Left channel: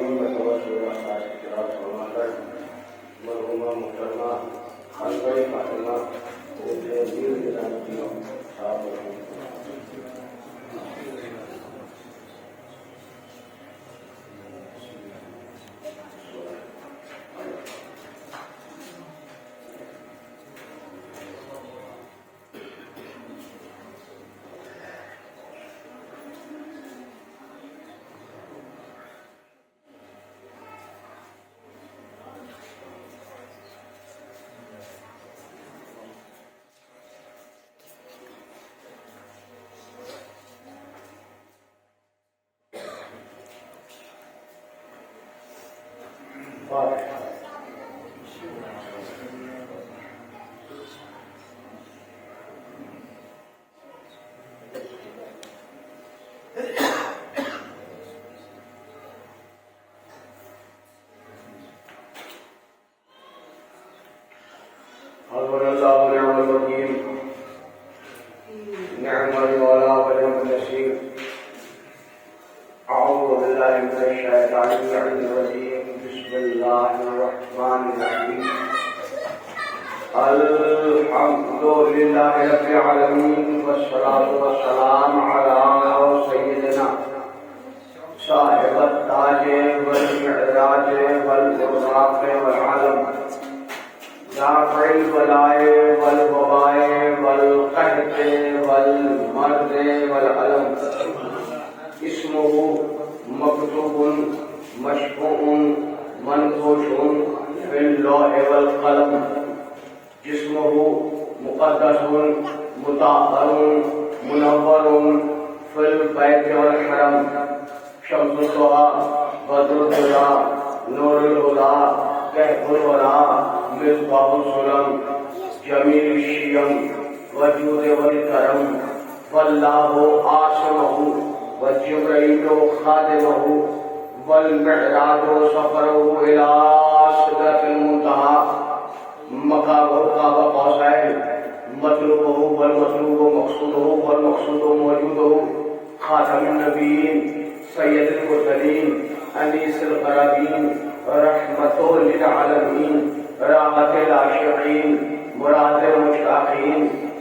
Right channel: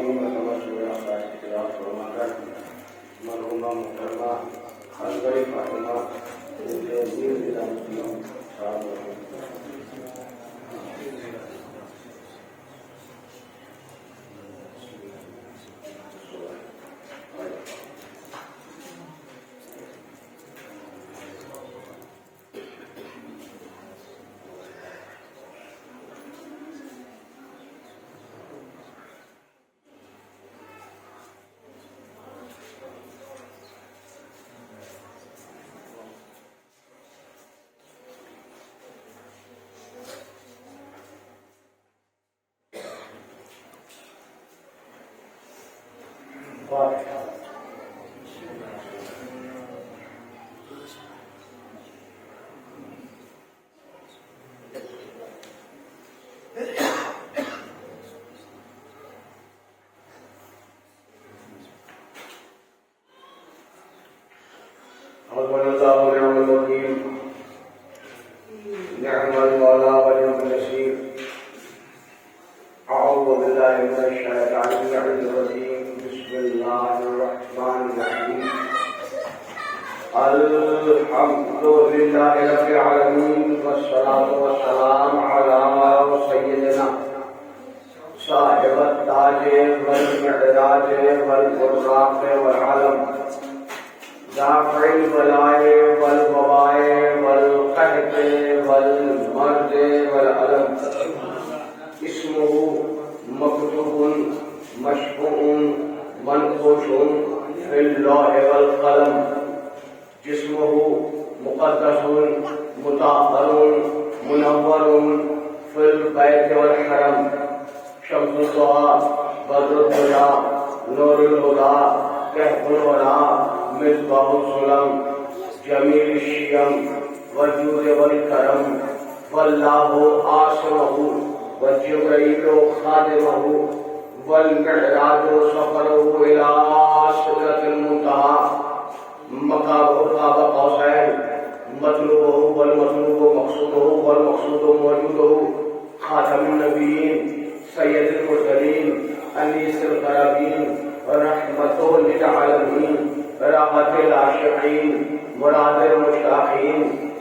خواتین و توجہ خاص اختیار فرما کر مرحومہ محترمہ خانقاہ فاطمہ دیر کے ساتھ الحمد لله رب العالمين والصلاة والسلام على سيدنا صاحب التاج والمعراج والبراق والعلم دافع البلاء والوباء والقحط والمرض والألم اسمه مكتوب مشفوع منقوش في اللوح والقلم جسمه مقدس مطهر منور في البيت والحرم شمس الضحى بدر الهدى نور الهدى كهف الورى مصباح السلم جميل الشيم والجود والكرم والله عاصمه وجبريل خادمه والمعراج سفره إلى سدرة المنتهى مقامه قاب قوسين مطلوبه والمطلوب مقصوده والمقصود موجوده خاتم النبيين سيد المرسلين أنيس القرابين رحمة للعالمين راحة العاشقين مراد المشتاقين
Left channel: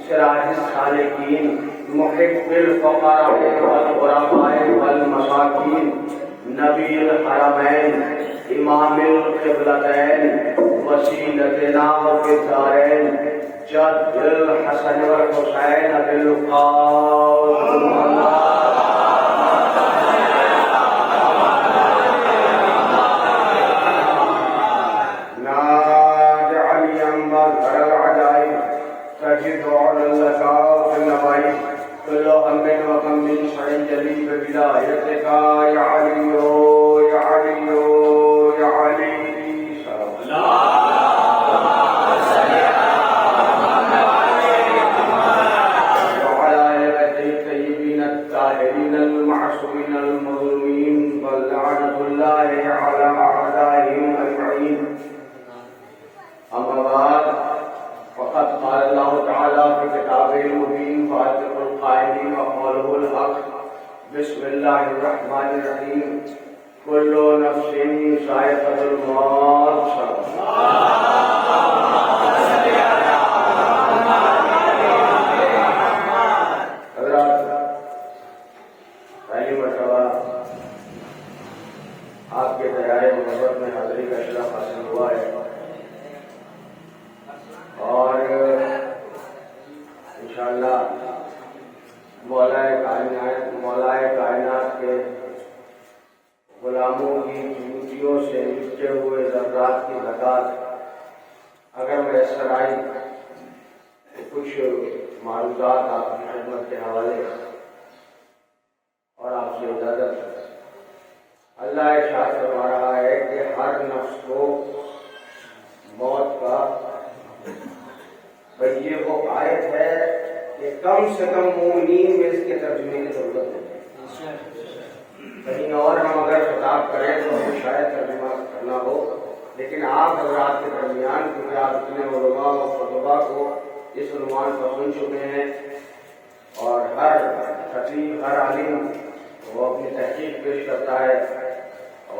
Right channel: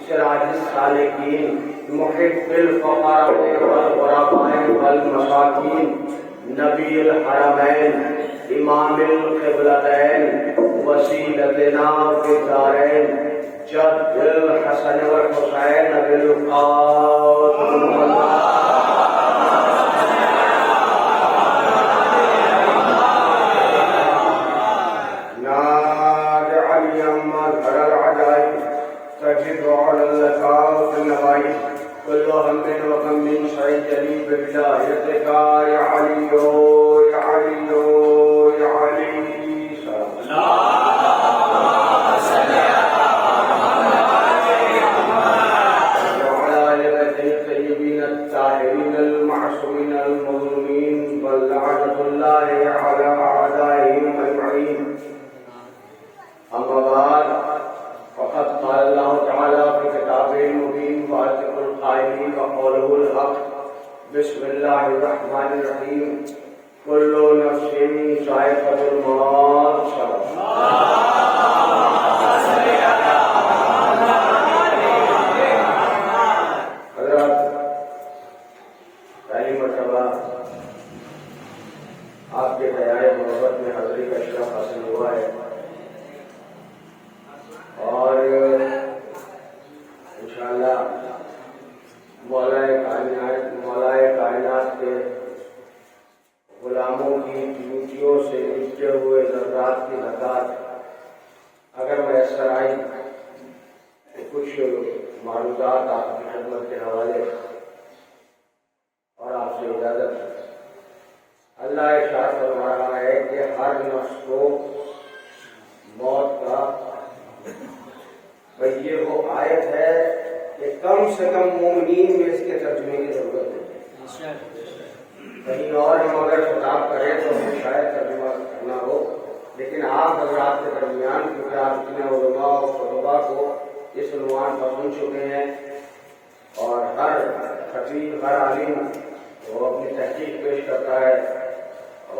سراج السالكين محب الفقراء والغرباء والمساكين نبي الحرمين امام القبلتين وسيلتنا في الدارين جد الحسن والحسين بالقاسم نادى عليا مظهر العجائب تجد على اللقاء في النوائب كل هم وكم من شيء جليل بولايتك يا علي يا علي يا علي وعلى آل الطيبين الطاهرين المعصومين المظلومين ولعنة الله على أعدائهم أجمعين أما بعد فقد قال الله تعالى في كتابه المبين فاصدق القائلين وقوله الحق بسم الله الرحمن الرحيم كل نفس ذائقة الموت حضرات پہلی مرتبہ آپ کے حیائے محبت میں حاضری کا شرف حاصل ہوا ہے اور انشاءاللہ مولائے کائنات کے غلاموں کی ڈیوٹیوں سے لپٹے ہوئے ذرات کی تعداد اگر میسر آئی تو کچھ معلومات آپ کی خدمت کے حوالے اور آپ سے اجازت. اللہ ارشاد فرما رہا ہے کہ ہر نفس کو موت کا یہ وہ آیت ہے کہ کم سے کم مومنین میں اس کے ترجمے کی ضرورت ہے. کہیں اور ہم اگر خطاب کریں تو ہمیں شاید ترجمہ کرنا ہو، لیکن آپ حضرات کے درمیان کیونکہ آپ اتنے علماء و خطبہ کو اس عنوان پر سن چکے ہیں اور ہر خطیب ہر عالم وہ اپنی تحقیق پیش کرتا ہے. اب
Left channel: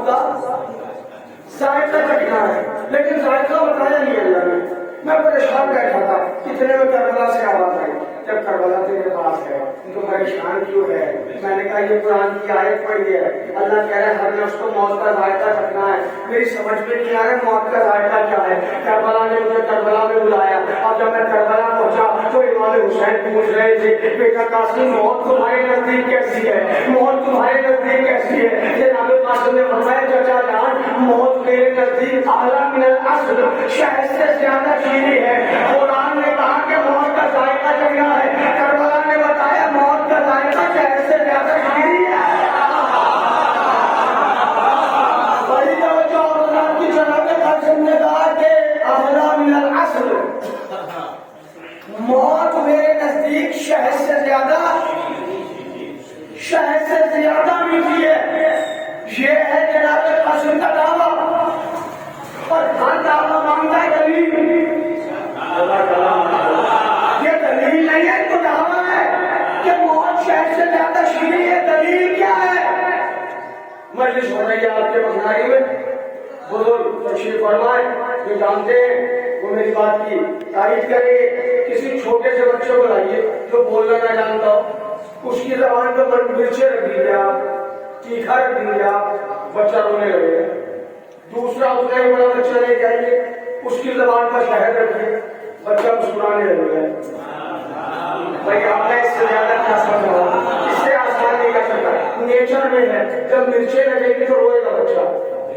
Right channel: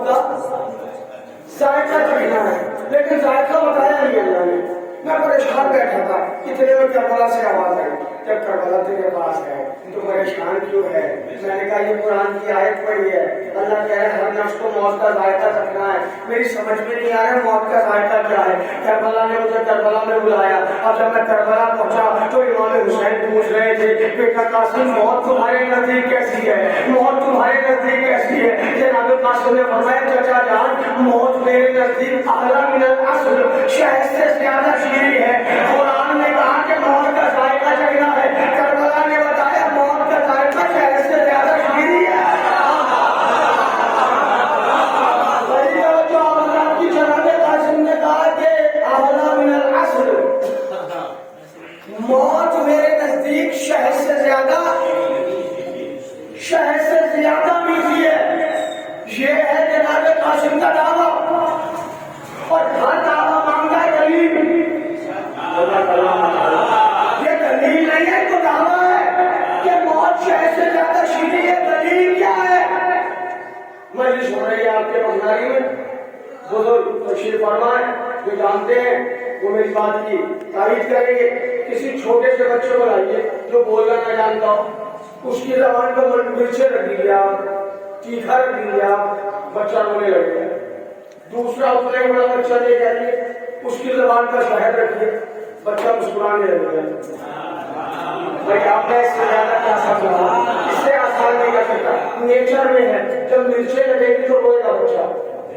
موت کا ذائقہ چکھنا ہے، لیکن ذائقہ بتایا نہیں اللہ نے. میں پریشان بیٹھا تھا، کتنے میں کربلا سے آواز آئی. جب کربلا تیرے پاس ہے تو پریشان کیوں ہے؟ میں نے کہا یہ قرآن کی آیت پڑھی ہے، اللہ کہہ رہا ہے ہر نفس کو موت کا ذائقہ چکھنا ہے. میری سمجھ میں نہیں آ رہا موت کا ذائقہ کیا ہے. کربلا نے مجھے کربلا میں بلایا. اب جب میں کربلا پہنچا تو امام حسین پوچھ رہے تھے بیٹا قاسم موت تمہارے نزدیک کیسی ہے، موت تمہارے نزدیک کیسی ہے؟ جناب قاسم نے فرمایا چچا جان موت میرے نزدیک اعلیٰ من الاصل، شہد سے زیادہ شیریں ہے. قرآن نے کہا کہ موت کا ذائقہ چکھنا ہے، کربلا نے بتایا موت کا ذائقہ شہد سے زیادہ شیریں ہے. بڑی توجہ اللہ کی جناب قاسم نے کہا کہ اعلیٰ من الاصل، موت میرے نزدیک شہد سے زیادہ میٹھی ہے. یہ ہے جناب قاسم کا دعویٰ، اور ہر دعویٰ مانگتا ہے دلیل. یہ دلیل نہیں ہے تو دعویٰ ہے کہ موت شہد سے زیادہ شیریں ہے. دلیل کیا ہے؟ مجلس ہو رہی ہے آپ کے بخاری میں، بزرگ تشریف فرمائے جو جانتے ہیں وہ میری بات کی تائید کریں گے. کسی چھوٹے سے بچے کو لائیے جو بولنا نہ جانتا ہو، اس کی زبان کو مرچیں رکھ دیجیے آپ، تیکھا رکھ دیجیے آپ، بچہ رونے لگے. دوسرا اتنا ہی بڑا بچہ لے جائیے، اس کی زبان پر شہد رکھیے، بچہ مسکرانے لگے گا. بھائی آپ نے اس سے زیادہ کیا سمجھا؟ اس سے آسان نہیں کر سکتا. نیچر میں ہے جب مرچیں لگے گی تو روئے گا بچہ.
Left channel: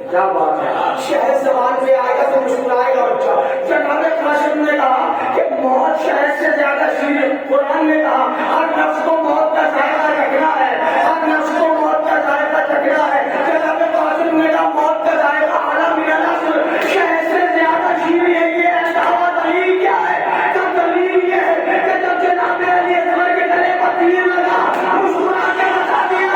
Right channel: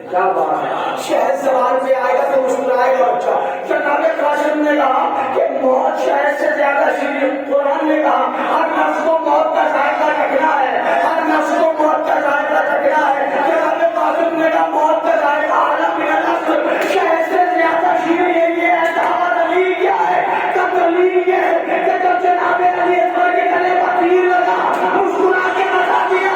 کیا بات ہے، شہد زبان پہ آئے گا تو مسکرائے گا بچہ. جناب قاسم نے کہا کہ موت شہد سے زیادہ شیریں. قرآن نے کہا ہر نفس کو موت کا ذائقہ چکھنا ہے، ہر نفس کو موت کا ذائقہ چکھنا ہے. جناب قاسم نے کہا موت کا ذائقہ اعلیٰ من الاصل، شہد سے زیادہ شیریں ہے. یہ ہے دعویٰ. دلیل کیا ہے؟ دلیل یہ ہے کہ جب جناب علی اکبر کے گلے پر تیر لگا مسکرا کے بتا دیا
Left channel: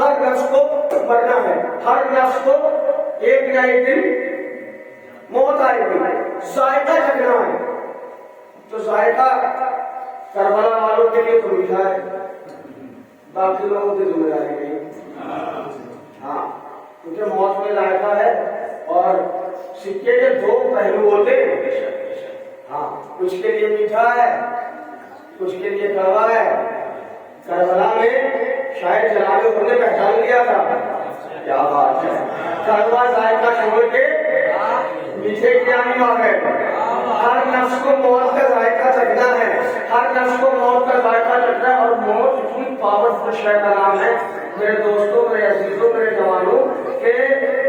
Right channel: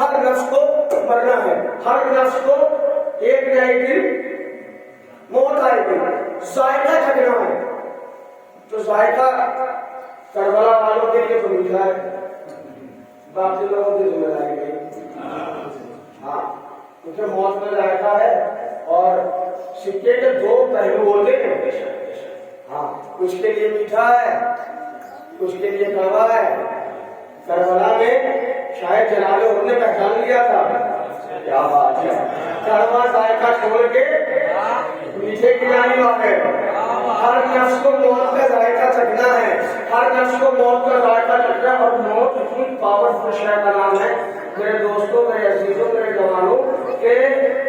ہر نفس کو مرنا ہے، ہر نفس کو ایک نہ ایک دن موت آئے گی. ذائقہ چکھنا ہے. تو ذائقہ کربلا والوں کے لیے تو میٹھا ہے، باقی لوگوں کی ذمہ داری نہیں. ہاں کیونکہ موت میں ذائقہ ہے اور سکے کے دو پہلو ہوتے ہیں. ہاں کچھ کے لیے میٹھا ہے، کچھ کے لیے کڑوا ہے. کربلا میں شاید جناب انہوں نے پہچان لیا تھا. کیا بات ہے، کڑوا ذائقہ چھوڑ کے میٹھے کی جانب آ گئے. ہر نفس کو موت کا ذائقہ چکھنا ہے، ہر نفس کو موت کا ذائقہ چکھنا ہے. اور موت اتنی پاورفل شے کا نام ہے میرے دوستوں، میرے عزیزوں، میرے جوانوں، کہ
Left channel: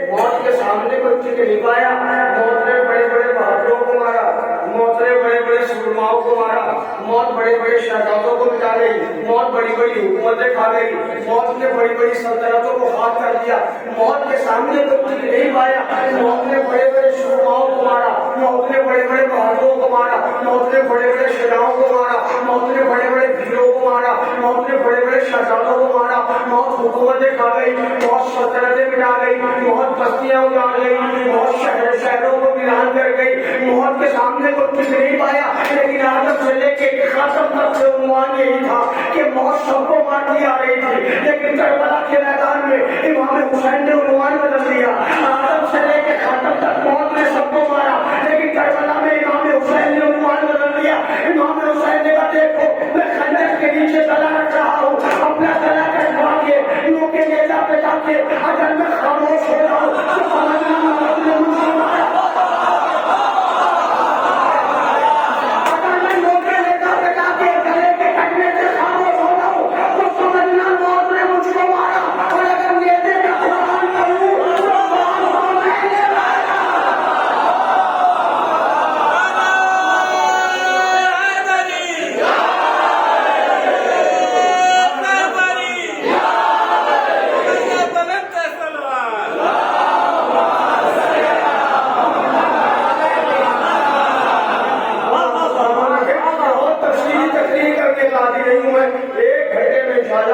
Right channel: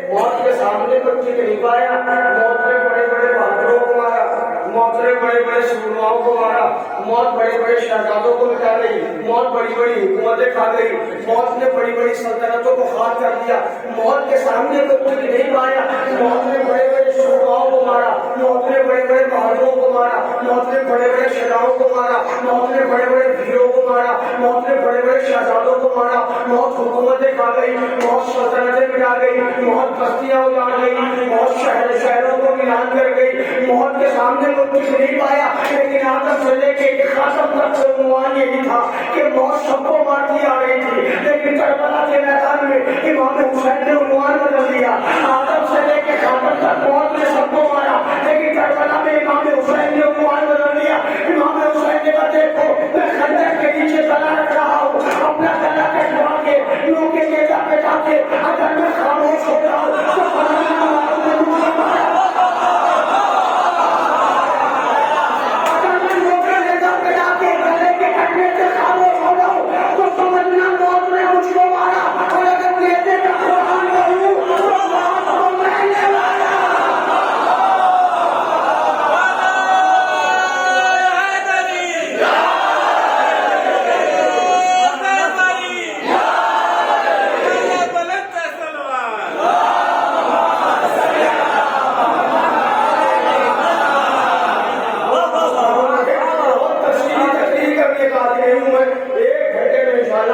موت کے سامنے کوئی ٹک نہیں پایا. موت نے بڑے بڑے بہادروں کو مارا، موت نے بڑے بڑے سورماؤں کو مارا، موت بڑے بڑے شہزادوں کو مٹا گئی، موت بڑی بڑی حکومتیں کھا گئی، موت نے بڑی بڑی سلطنتوں کو ہاتھ کر دیا. موت کے سامنے کوئی ٹک نہیں پایا. موت نے بڑے بڑے سورماؤں کو مارا، موت نے بڑے بڑے بہادروں کو مارا، موت نے بڑے بڑے شجاعوں کو مارا، موت نے بڑے بڑے بھیڑوں کو مارا، موت نے بڑے بڑے شہزادوں کو مارا. موت حکومتیں کھا گئی، موت سلطنتیں مٹا گئی، موت بستیاں اجاڑ گئی، موت شہروں کو ویران کر گئی. موت کے سامنے کو کچھ نہیں پایا. لیکن آدم سے لے کے خاتم تک عنوان یہی تھا کہ موت سب کو مارتی آ رہی تھی. لیکن کربلا کے میدان میں امام حسین نے عنوان بدل دیا. آدم سے لے کے خاتم تک موت نے سب کو مارا، لیکن کربلا میں امام حسین نے عنوان بدل دیا. امام حسین نے کہا دیکھو میں خندق کے نیچے گلا رکھ رہا ہوں، اپنا گلا کٹوا کے لوگوں کے نیزہ پہ جا کے اگر میں خاموش ہو جاؤں تو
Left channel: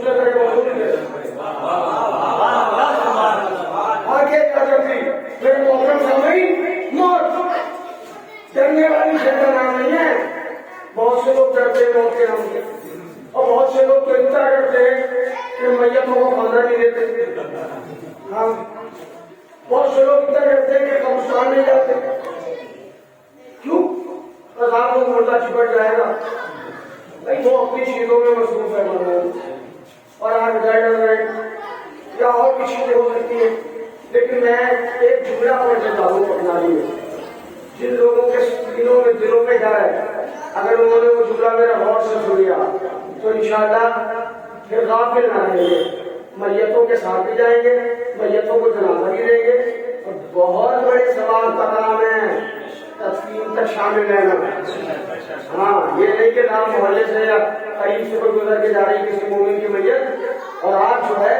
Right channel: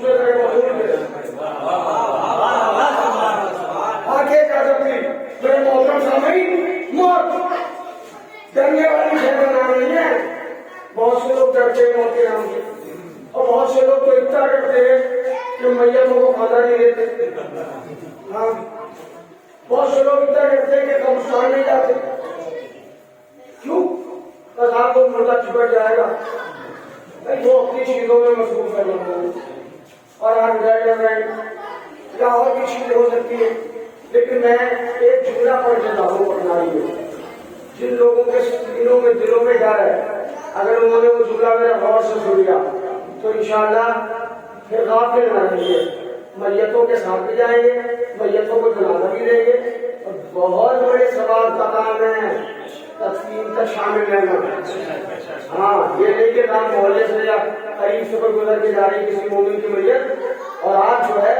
دوسرے طرح مزدور کے آگے جا کر بھی میرے محترم سامعین موت ڈرنے والی شہر نام نہیں ہے. بہت سے لوگ ڈرتے ہیں موت کے نام سے اور بہت سے لوگ تو اتنا ڈرتے ہیں کہ میتوں کو کھانا نہیں دیتے. ہاں بہت سے لوگ اتنا ڈرتے ہیں کہ قبرستان نہیں جاتے. کیوں؟ عذاب کو مردہ چپٹ جائے گا. وہ اپنی چیزوں میں مصروف ہے اور آج ڈر رہے یا اور بھی چیزیں ہو سکتی ہیں. لیکن میں ایک جملہ پڑھ کے دعوت اپنا رہی ہوں. جن لوگوں کے دلوں میں ڈر ہے اگر انہوں نے وہ جملہ میرا غور سے سن لیا تو انشاءاللہ پھر غافل نہ رہیں گے. میتوں کے ساتھ بھی جائیں گے, میتوں کو جنازہ بھی لیں گے اور بہت بڑے سوال کا کام ہے تدفین تک شامل رہنا. ہاں یہ نہیں کہ نام محلے سے یا قریب سے کوئی گزر کے جا رہی کسی مومن کی میت اور آپ جو ہے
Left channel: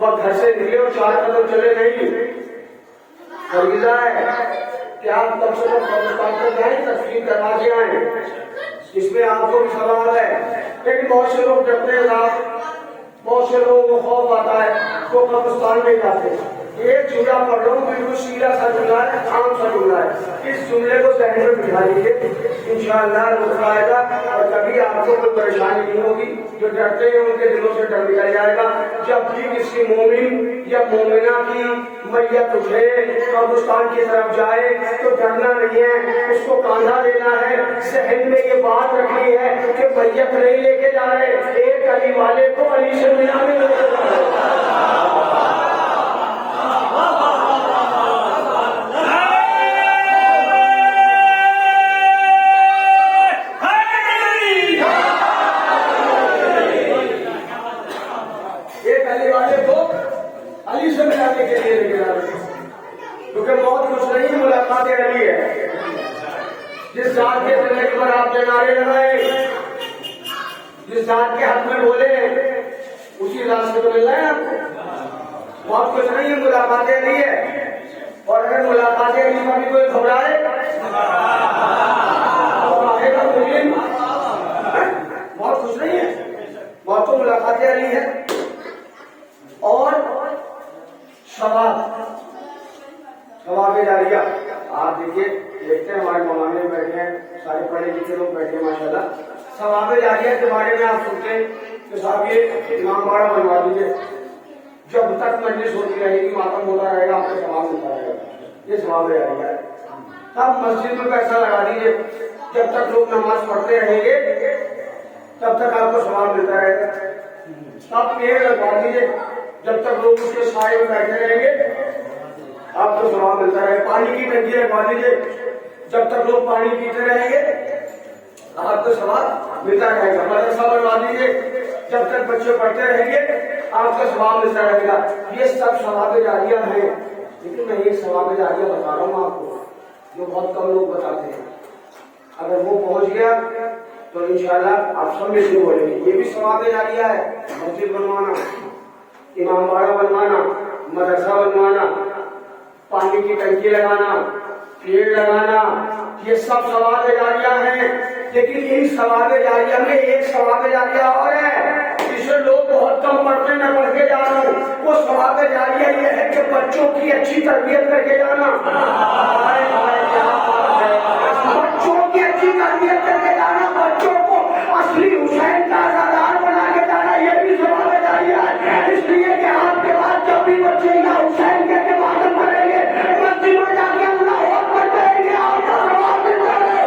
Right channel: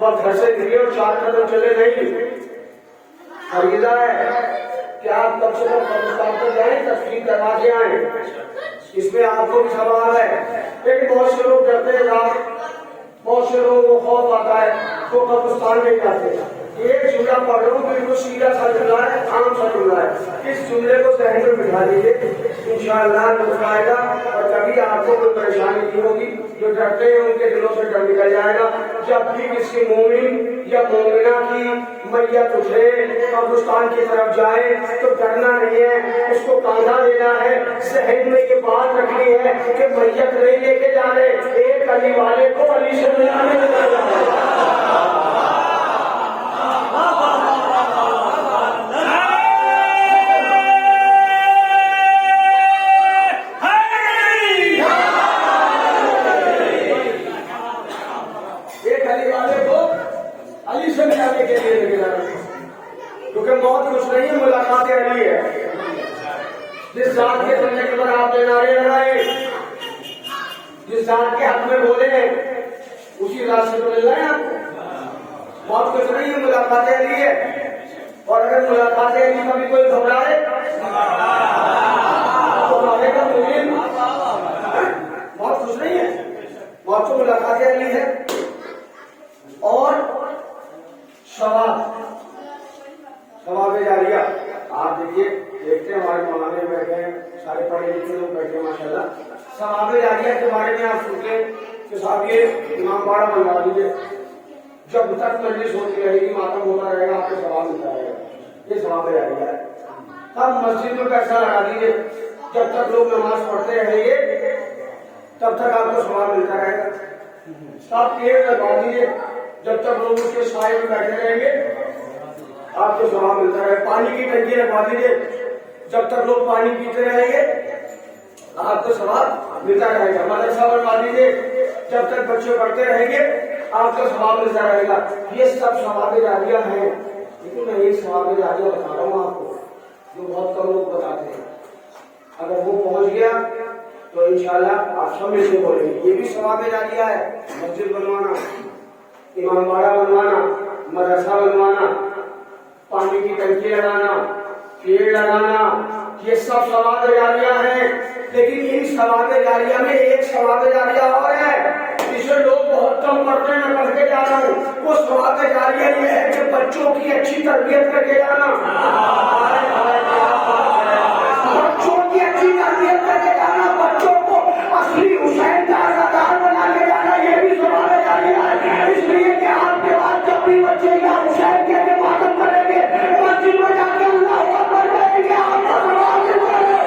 وہ گھر سے نکلے اور 4 قدم چلے نہیں. فریضہ ہے کہ آپ کم سے کم قبرستان پر جائیں تدفین کروا کے آئیں. اس میں آپ کو بھی سوال ہے. لیکن بہت سے لوگ ڈرتے ہیں, بہت سے لوگوں کو خوف آتا ہے تو قبرستان میں جاتے ہیں. ایک جملہ پڑھ رہا ہوں بالکل سیدھا سا جملہ ہے, عام سا جملہ ہے. اس جملے کو ذہن میں بٹھا لیجیے, انشاءاللہ نظر آئے گا اور کبھی آپ کو کوئی پریشانی نہیں ہوگی. جو ڈرتے ہیں ان کے دلوں سے ڈر نکل جائے گا. جب بھی کسی مومن یا مومنہ کی میت اٹھے قبرستان کی طرف جائے تو ڈرنا نہیں ہے, اس کو کاندھا دینا ہے. ذہن میں یہ بات رکھنی ہے کہ میت نہیں لے کے جا رہے, ایک علی والے کو علی سے ملانے میں لے جا رہے. کیونکہ موت کچھ نہیں, ملاقات علی ہے. جس ذات کے چلنے کے بعد آپ کے نعرے لگائے, جس ذات کے حق میں بولے اسی ذات سے تو ملنا ہے نا آپ کو. موت کچھ نہیں, ملاقات علی ہے. اور اگر ملاقات علی کا بھی کوئی گھبرائے موت کچھ نہیں ہے, موت تو ملاقات علی ہے. اور ثواب جاریہ آپ دیکھیے, دیکھتے ہیں ہمارے مولانے بیٹھے ہیں, سارے پڑھے لکھے لوگ بیٹھے ہیں ماشاء اللہ. ثواب جاریہ کے بارے میں آپ سنتے کہ صاحب یہ امام باڑہ بنوا دیجیے, جب تک مجلس ہوتی رہے گی ماتم ہوتا رہے گا آپ کو ثواب ملتا رہے گا. یہ ثواب جاریہ ہے. آپ مسجد میں پیسہ لگا دیجیے, جب تک لوگ نماز پڑھتے رہیں گے تب تک آپ کو ثواب ملتا رہے گا. آپ پیڑ لگا دیجیے, جب تک لوگ اس کے سائے میں بیٹھے رہیں گے آپ کو ثواب ملتا ہے. پانی کی ٹنکی لگوا دیجیے, جب تک لوگ پانی پیتے رہیں گے آپ کو ثواب ملتا رہے گا. مدرسہ بنوا دیجیے, جب تک بچے پڑھتے رہیں گے آپ کا ثواب ملتا رہے گا. یہ سب ثواب جاریہ ہیں. لیکن میں یہ ثواب جاریہ بتا رہا ہوں آپ کو جو بہت کم لوگ بتاتے ہیں. اگر وہ پہنچ گیا تو انشاءاللہ آپ سب میں سے بولیں گے. یہ بھی ثواب جاریہ ہے. مسجد بنوانا, امام باڑہ بنوانا, مدرسہ بنوانا, پانی کی ٹنکی لگانا, پیڑ لگانا, یہ سب ثواب جاریہ ہیں. لیکن ان ثواب جاریہ میں ایک ثواب جاریہ اور ہے جسے لوگ بہت کم پڑھتے میں پڑھ کے جا رہا ہوں. وہ ثواب جاریہ یہ ہے کہ بچوں کی اچھی تربیت کر کے جانا, بچوں کی اچھی تربیت کر کے جانا, بچوں کو اصلی حسین کا آزادار بنا کے جانا. یہ بھی ثواب جاریہ ہے. اس لیے کہ آپ کے بعد جب بھی بچے یا حسین کے ماتم کریں گے مسجد میں جا کے اللہ اکبر کریں گے, آپ کا ثواب ملتا ہے.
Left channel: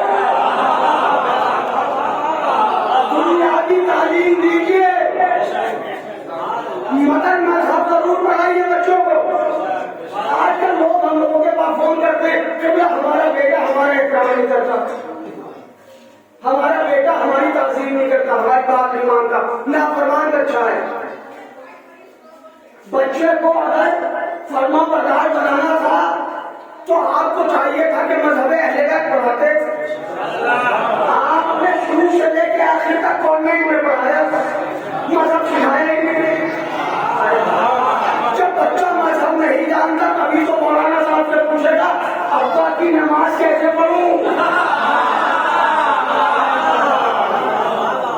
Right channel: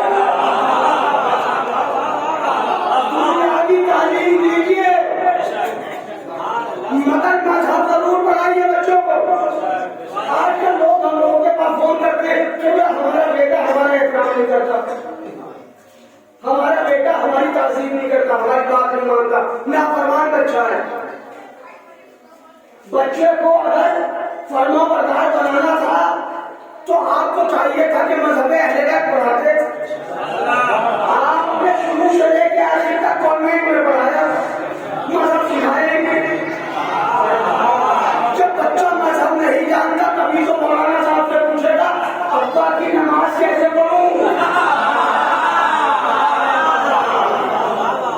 تعلیم دیجیے, مگر مذہب ضرور پڑھائیے بچوں کو. آج کل لوگ ہم لوگوں کے پاس فون کرتے ہیں کہ ہمارا بیٹا ہمارا احترام نہیں کرتا, ہمارا بیٹا ہماری تعظیم نہیں کرتا, ہماری بات نہیں مانتا. نافرمان بچہ ہے. بچے کو اگر فرما بردار بنانا تھا تو آپ کو چاہیے تھا کہ مذہب اہل بیت پڑھاتے. آپ نے شروع سے لے کے آخر تک کانوینٹ میں پڑھایا, مذہب سکھایا نہیں. جب بچہ مذہب نہیں جانتا تبھی تو مولانا صاحب سے پوچھے گا ابا کی نماز کیسے پڑھوں.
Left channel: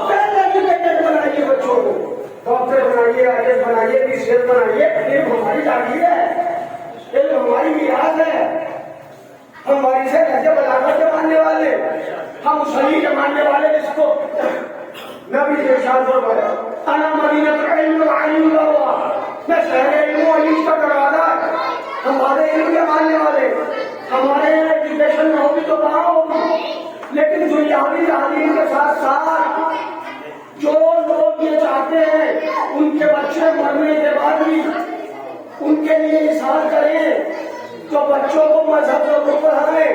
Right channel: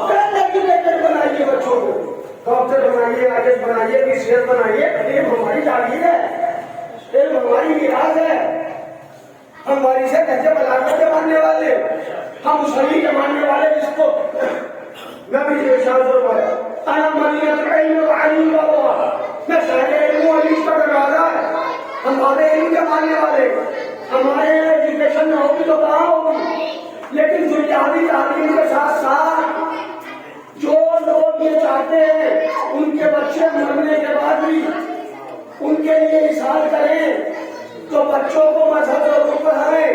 پہلے کی لیکن بنائے گی بچوں کو. ڈاکٹر بنائیے, آرٹسٹ بنائیے, ٹیچر بنائیے, علم ہماری جاگیر ہے, علم ہماری میراث ہے. ہماری سے کہتے بلاغت کے ماننے والے, ہم صحیح کے ماننے والے, جس کو نبی کے ارشاد فرمایا انا مدینہ العلم والعلم والله, میں شہر علم و علم کا دروازہ, ہمارے علم کے ماننے والے. ہمارے یہاں ایجوکیشن نہ ہوگی تو کہاں ہوگی, لیکن دنیاوی تعلیم کے ساتھ ساتھ جو لوگ یہ چاہتے ہیں ان کے بچے مرنے کے بعد بھی ان کے لیے مثال کریں, تو بچوں کو مذہب ضرور پڑھائیں.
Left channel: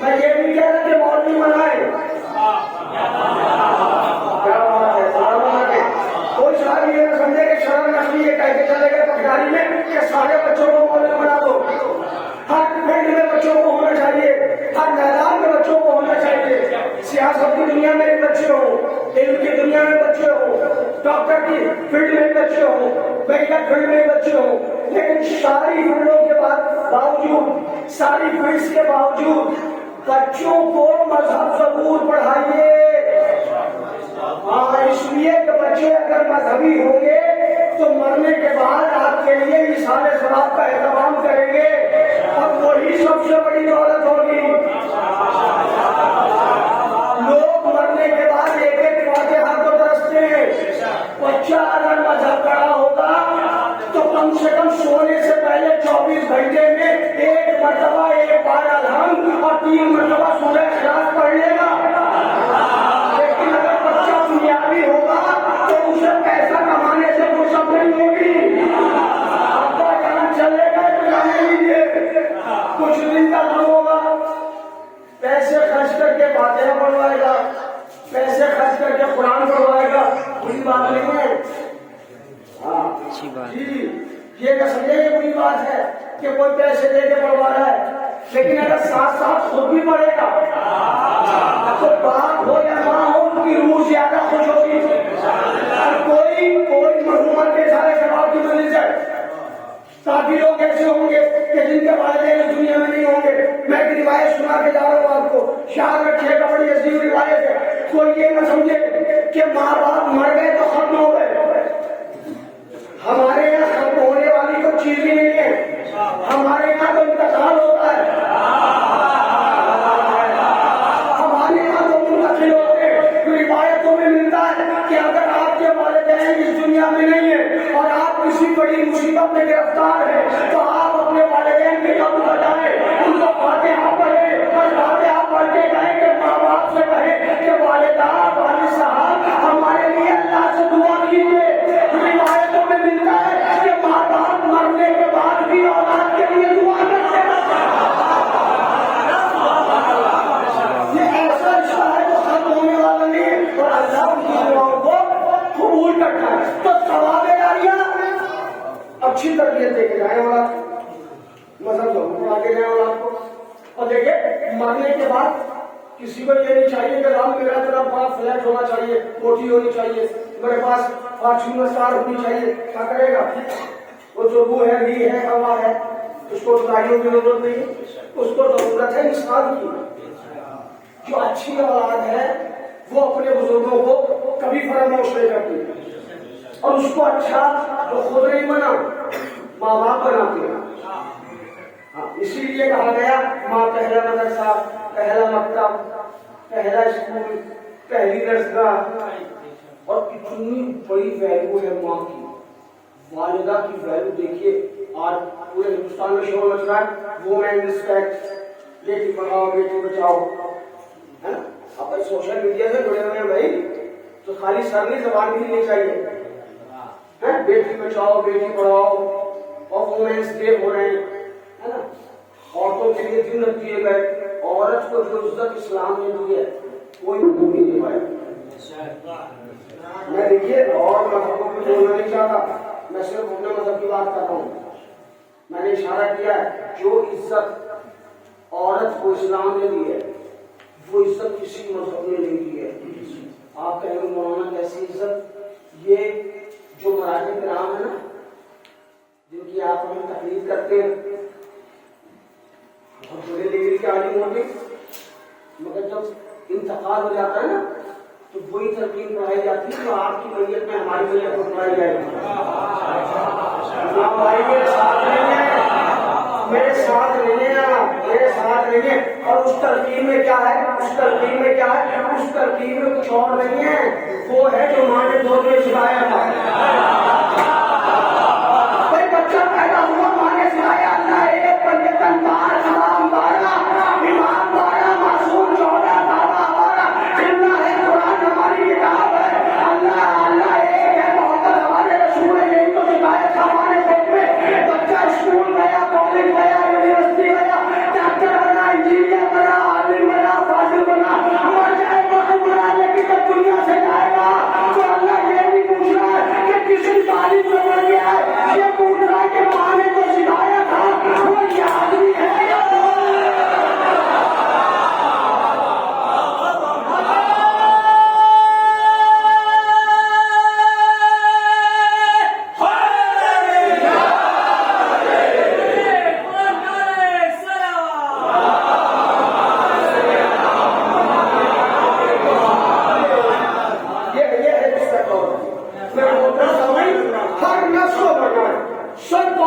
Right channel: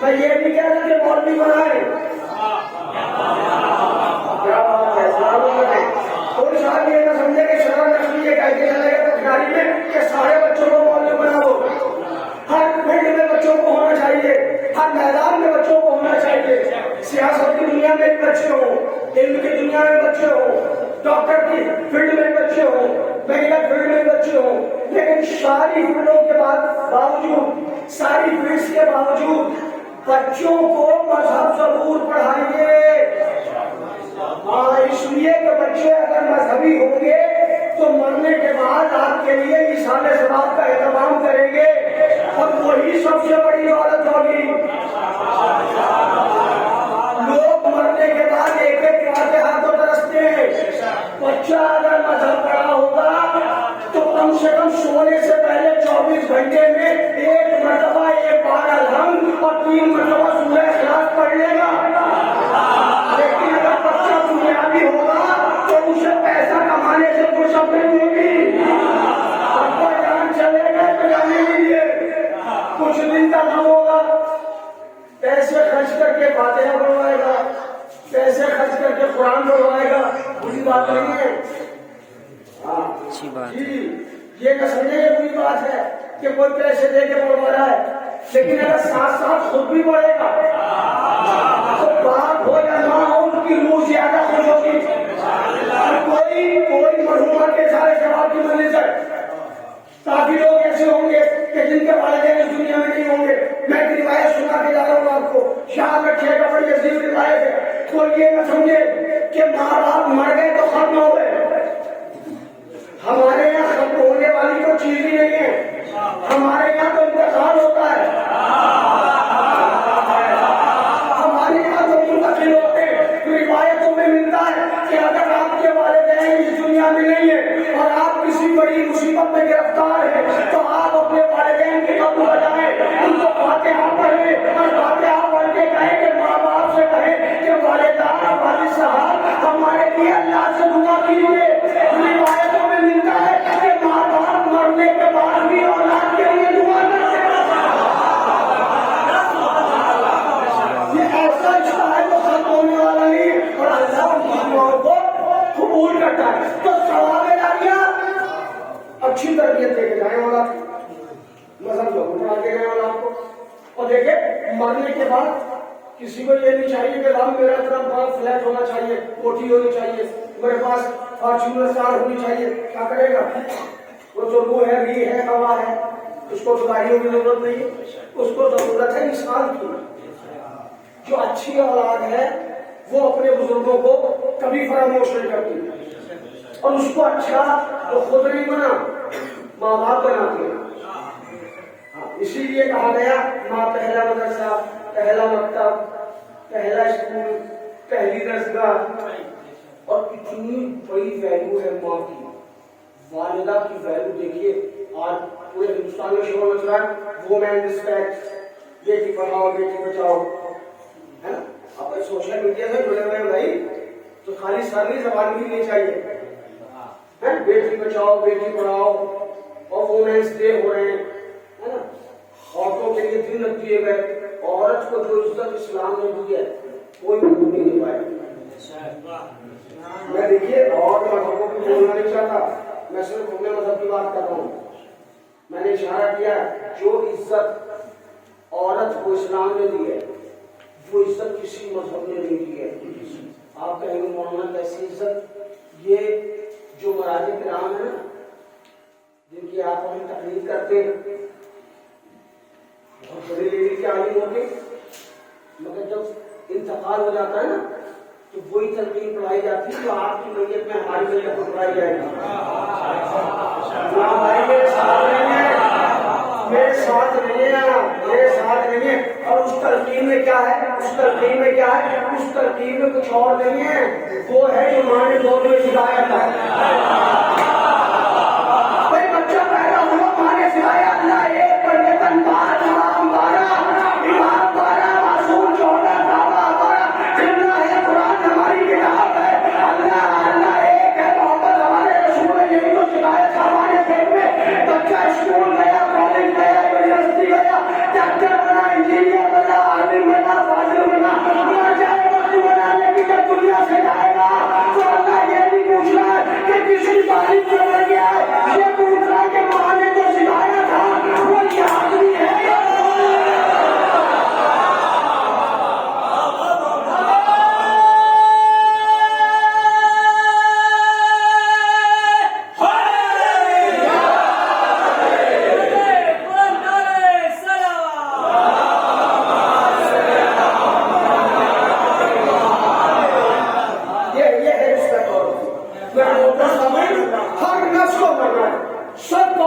میں یہ نہیں کہہ رہا کہ مولوی بنائیں, کوئی شراب یہ نہ سمجھے کہ شراب نقلی یہ کہہ کے چلے گا تکراری میں کہ سارے بچوں کو مولوی بنا دو. ہر فیلڈ میں بچوں کو ہونا چاہیے, ہر میدان میں بچوں کو ہونا چاہیے. سیاست کی دنیا میں بچے ہوں, علم کی دنیا میں بچے ہوں, ڈاکٹر کی فیلڈ میں بچے ہوں, میڈیکل فیلڈ میں بچے ہوں, لیکن ساری فیلڈوں کے باوجود, ساری فیلڈس کے باوجود بچوں کو مذہب ضرور پڑھائیے. ہاں, اس لیے کہ بچے اگر مذہبی ہوں گے تو مرنے کے بعد آپ کے لیے مثال ثواب کا اہتمام کریں گے, اور وہی سب سے بڑی دولت ہوگی. لوگ مرنے کے بعد ایک ایک فاتحہ کو ترستے ہیں. بچہ اگر مذہب پڑھا ہوگا تو کم سے کم سونے سے پہلے 24 گھنٹے میں ایک مرتبہ ایک بار الحمد اور 3 مرتبہ سورہ اخلاص پڑھ لے گا. لیکن اگر بچہ دنیاوی ہوگا تو اسے پیسہ کمانے سے فرصت نہیں ہوگی. ابا جان چلے گئے تو جانے لیجیے, کچھ دن تک ہم ہوگا, پیسے خرچ کر کے فاتحہ پڑھوائے گا, پیسے خرچ کر کے قرآن پڑھوائے گا, بری بات نہیں ہے. جی, یہ نہ سمجھے یہ بری بات ہے کہ کوئی پیسے دے کے پڑھوا رہا ہے, لیکن اگر ساتھ ساتھ خود بھی پڑھے گا تو باپ ہو یا ماں ہو ان کی روح زیادہ خوش ہوگی. کوئی مرحوما کے سارے جواب کی منزل ہے. کافی لوگ ایسے ہوں گے کہ جن کے والدین اس دنیا میں نہیں ہوں گے. میں ایک روایت سنا کے جا رہا ہوں آپ کو, شاید رکھے گا, بڑی عظیم روایت ہے. کوئی یہ نہ سمجھے کہ ماں باپ مر گئے تو ختم ہو گئے. ہمارے یہاں ختم ہونے والی کوئی چیز ہی نہیں ہے, ہمارے یہاں تو انتقال ہوتا ہے. ہمارے یہاں تو منتقل ہوتے ہیں. روایتوں میں ملتا ہے کہ اگر آپ کے والدین اس دنیا میں نہیں ہیں اور آپ کسی بڑی مصیبت میں گرفتار ہیں تو آپ اپنے والدین کے قبول بجائیں, ان کو فاتحہ پڑھیں اور فاتحہ پڑھ کے کہیں کہ ماں باپ سے کہیں کہ والدین والد صاحب ہمارے لیے اللہ سے دعا کیجیے. روایتوں میں ملتا ہے کہ ماں باپ مرنے کے بعد بھی اولاد کے لیے دعا کرتے ہیں. یہ ایسا رشتہ ہے جو ختم ہونے والا نہیں اور اللہ ماننے والوں کو قبول کرتا ہے. تو ثواب جاریہ اچھی تربیت دے کے جائیں والا, مذہب لوگوں کو آگے جائیں والا کو. اور دیکھیں مرنے کے بعد کسی کو یہ نہیں چاہیے کہ رام میرا اتنا بڑا فلیٹ ہونا چاہیے, کوٹھی ہونی چاہیے, میرے پاس فارچونر کار ہونی چاہیے. کیا کرے گا وہ جو روح ہے, بھی ہے, کما ہے, اس کو گاڑیوں کی ضرورت نہیں, اس کو ضرورت ہے انسان کی. جو اچھی اولاد ہے وہ اپنے بزرگوں کو کبھی فراموش نہیں کرتی, اور اس کو اچھا تو خود نہیں بنا, ماں باپ بناتی ہے. اسی لیے کہا گیا ماں پہلا مدرسہ, پہلا مکتب, پہلا اسکول, پہلی درسگاہ. اور اتنی بڑی ویلیو ہے ماں کی, والدہ کی ویلیو. دیکھیے آج پورے ہندوستان میں شور مچ رہا ہے وومین رسپیکٹ, بیٹی پڑھاؤ بیٹی بچاؤ, ہے نا. آپ سوشل میڈیا سے جڑے ہوئے نہیں تو خالی سر نہیں زبان بھی نہیں چاہیے. بیٹی بچاؤ بیٹی پڑھاؤ اور وومینس ڈے ہو رہے ہیں, ہے نا. عورتوں کے لیے دن دیے گئے. عورت کو جو عزت اسلام نے دی ہے کوئی بھی نہیں پائے. میں دیکھیے اور مذہبوں کو بولنا نہیں چاہتا, میں صرف اپنے مذہب کی بات کر رہا ہوں. میں نے اشارہ کیا ہے جو عزت عورت کو اسلام نے دی ہے وہ عزت کسی مذہب نے نہیں دی ہے. آپ کہیں گے مولانا کیسی عزت؟ یہ جو مراجع کرام ہے نا جن کی آپ ہمیں تقلید کرتے ہیں, بہت بڑی ڈگری کی عالم ہوگی, مگر جب انتقال ہو جاتا ہے نا تو وہی تلقین پڑھائی جاتی ہے جو آپ کی میت میں ہماری میت کو پڑھائی جائے گی. بھائی میرے ساتھ نہیں ہے، میرے ساتھ نہیں ہے، میرے ساتھ نہیں ہے. اور اس تلقین میں کیا ہے، اس تلقین میں کیا ہے، اس تلقین میں کچھ اور نہیں ہے، وہ ہے جو ماں نے دو دن سکھایا تھا. کوئی بچہ پیدا ہوا ماں نے سکھایا اللہ ایک پر یتن بار تمام بارہ امام بارہ معصوم 14 دعویٰ بارہ جملہ ہے قرآن ہماری کتاب ہے. اللہ اللہ ایک ہے، محمد ہمارے رسول ہے، یہی تو سکھایا تھا ہمارے پیٹ میں. بچہ اسکول گیا، کالج گیا، یونیورسٹی گیا، ڈاکٹر بنا، انجینئر بنا، عالم بنا، فاضل بنا، مر جائے وقت بنا، لیکن جب دنیا سے جائے گا تو اللہ یہ نہیں پوچھ رہا ہے کہ کسی تعلیم میں مر گیا ہے، یہ پوچھ رہا ہے کہ ماں نے جو سکھایا تھا وہ یاد بھی ہے. ہر نفس کو مرنا ہے، سب کو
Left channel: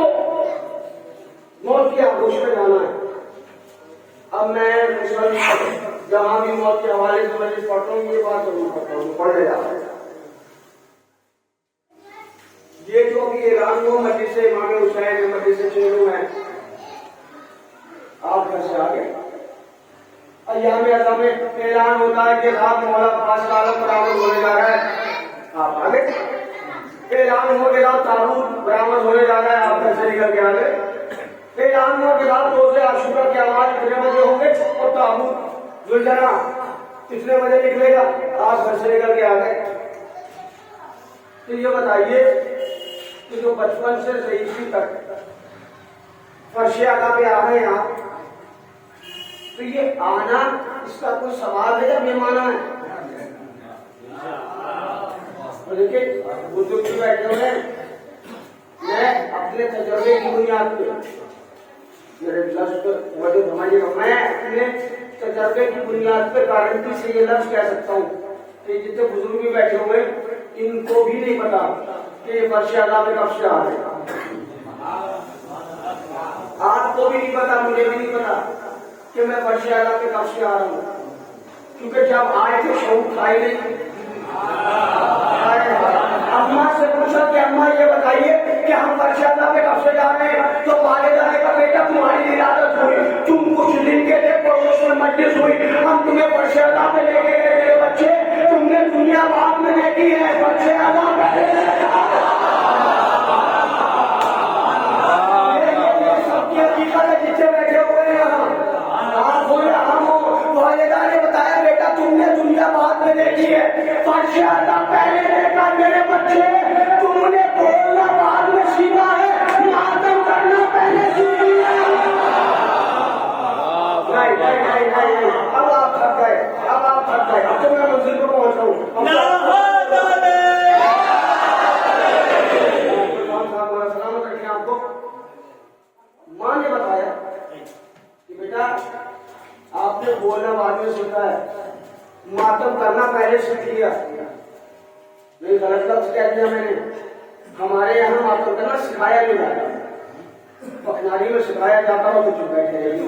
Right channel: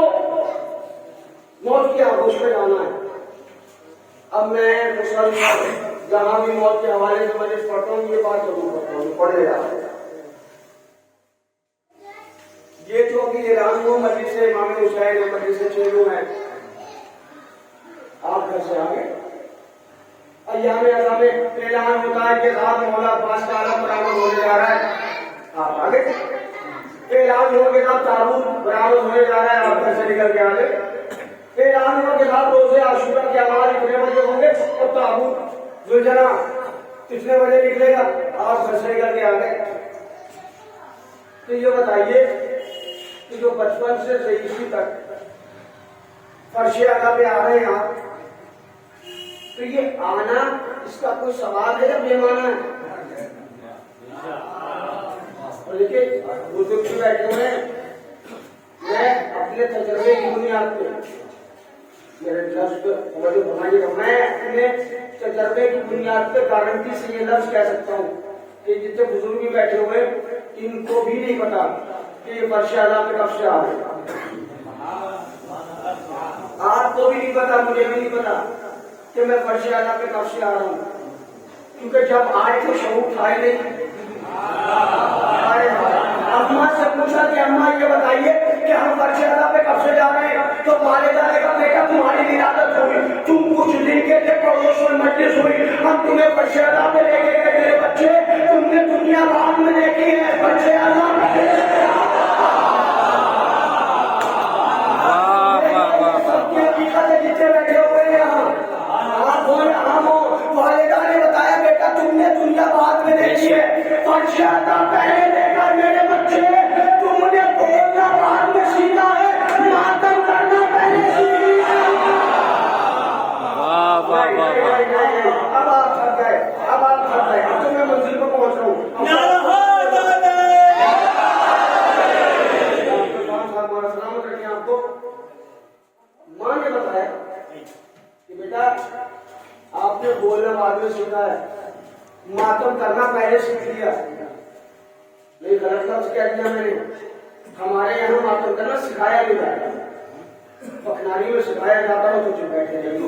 موت کی آغوش میں جانا ہے. اب میں جہاں بھی موت کے حوالے سے مجلس پڑھتا ہوں یہ بات ضرور کرتا ہوں، پڑھنے جاتا ہوں. یہ جو بھی اعلان ہوا مجلس امام حسین ہے، مجلس چینو ہے، آپ گھر سے آگے ایام اعظم میں اعلان ہوتا ہے کہ صاحب مولا عباس کا عالم برآمد ہونے جا رہا ہے، آپ آگے. اعلان ہو کے بعد تابوت برآمد ہونے جا رہا ہے، آپ گھر سے نکل کے آگے. اعلان ہو کے بعد روزے عاشورہ کے آواز اتنے بجے ہوں گے اور تابوت گلجرا اتنے بجے نکلے گا، آپ گھر سے نکل کے آگے. تو یہ بتائیے کہ جو بچپن سے ضعیفی تک فرش آقا پہ آ رہے ہیں آپ، تو یہ آنا اس کا کوئی سوال ہے یا مہمان ہے؟ دیکھیے بزرگ بھی بیٹھے ہوئے ہیں، میں اپنے تجربے کی بنیاد پہ میرے لفظ میں اپنے تجربے کی بنیاد پہ گارنٹی سے یہ لفظ کہہ سکتا ہوں کہ جتنے بزرگ بھی بیٹھے ہوئے ان کو بھی نہیں پتا کہ یہ فرش اعلیٰ پہ کب سے آ رہے. آپ کو بھی نہیں پتا، مجھے بھی نہیں پتا کہ میں فرش اعلیٰ پہ کب سے آ رہا ہوں، کیونکہ جب آئے تھے شعور کھائے نہیں. اماں سے پوچھا کہ اماں یہ بتائیے کہ ہم فرش اعلیٰ پہ کب سے جا رہے ہیں، تو والدہ نے کہا بیٹا تمہاری ولادت ہوئی، تم کچھ دن کے تھے، پڑوس میں مجلس ہوئی، ہم تمہیں فرش اعلیٰ پہ لے کے گئے میرے بچے، تم نے دنیا بعد میں دیکھی ہے، فرش اعلیٰ سب کی حقیقت ہے. جتنے بیٹھے ہوئے ہیں آپ ہوئے ہم ہو، والدہ نے بتایا بیٹا تم نے دنیا بعد میں دیکھی ہے، فرش اعلیٰ پہلے دیکھا میرے بچے، تم نے بولنا بعد میں سیکھا ہے، ماتم کرنا پہلے سیکھی ہے. اب آپ تھک گئے، اب تو میں منزل کو پہنچتا ہوں. سلامت رکھیں آپ کو. ماں نے بتایا کہ بیٹا آپ نے بولنا بعد میں سیکھا ہے، ماتم کرنا پہلے سیکھ لیا. نہیں غلط لفظ کہہ دیا میں نے. ہمارے یہاں ماتم کرنا سکھایا نہیں جاتا، پکناری میں سکھایا جاتا ہو تو چپ بیٹھے رہیے.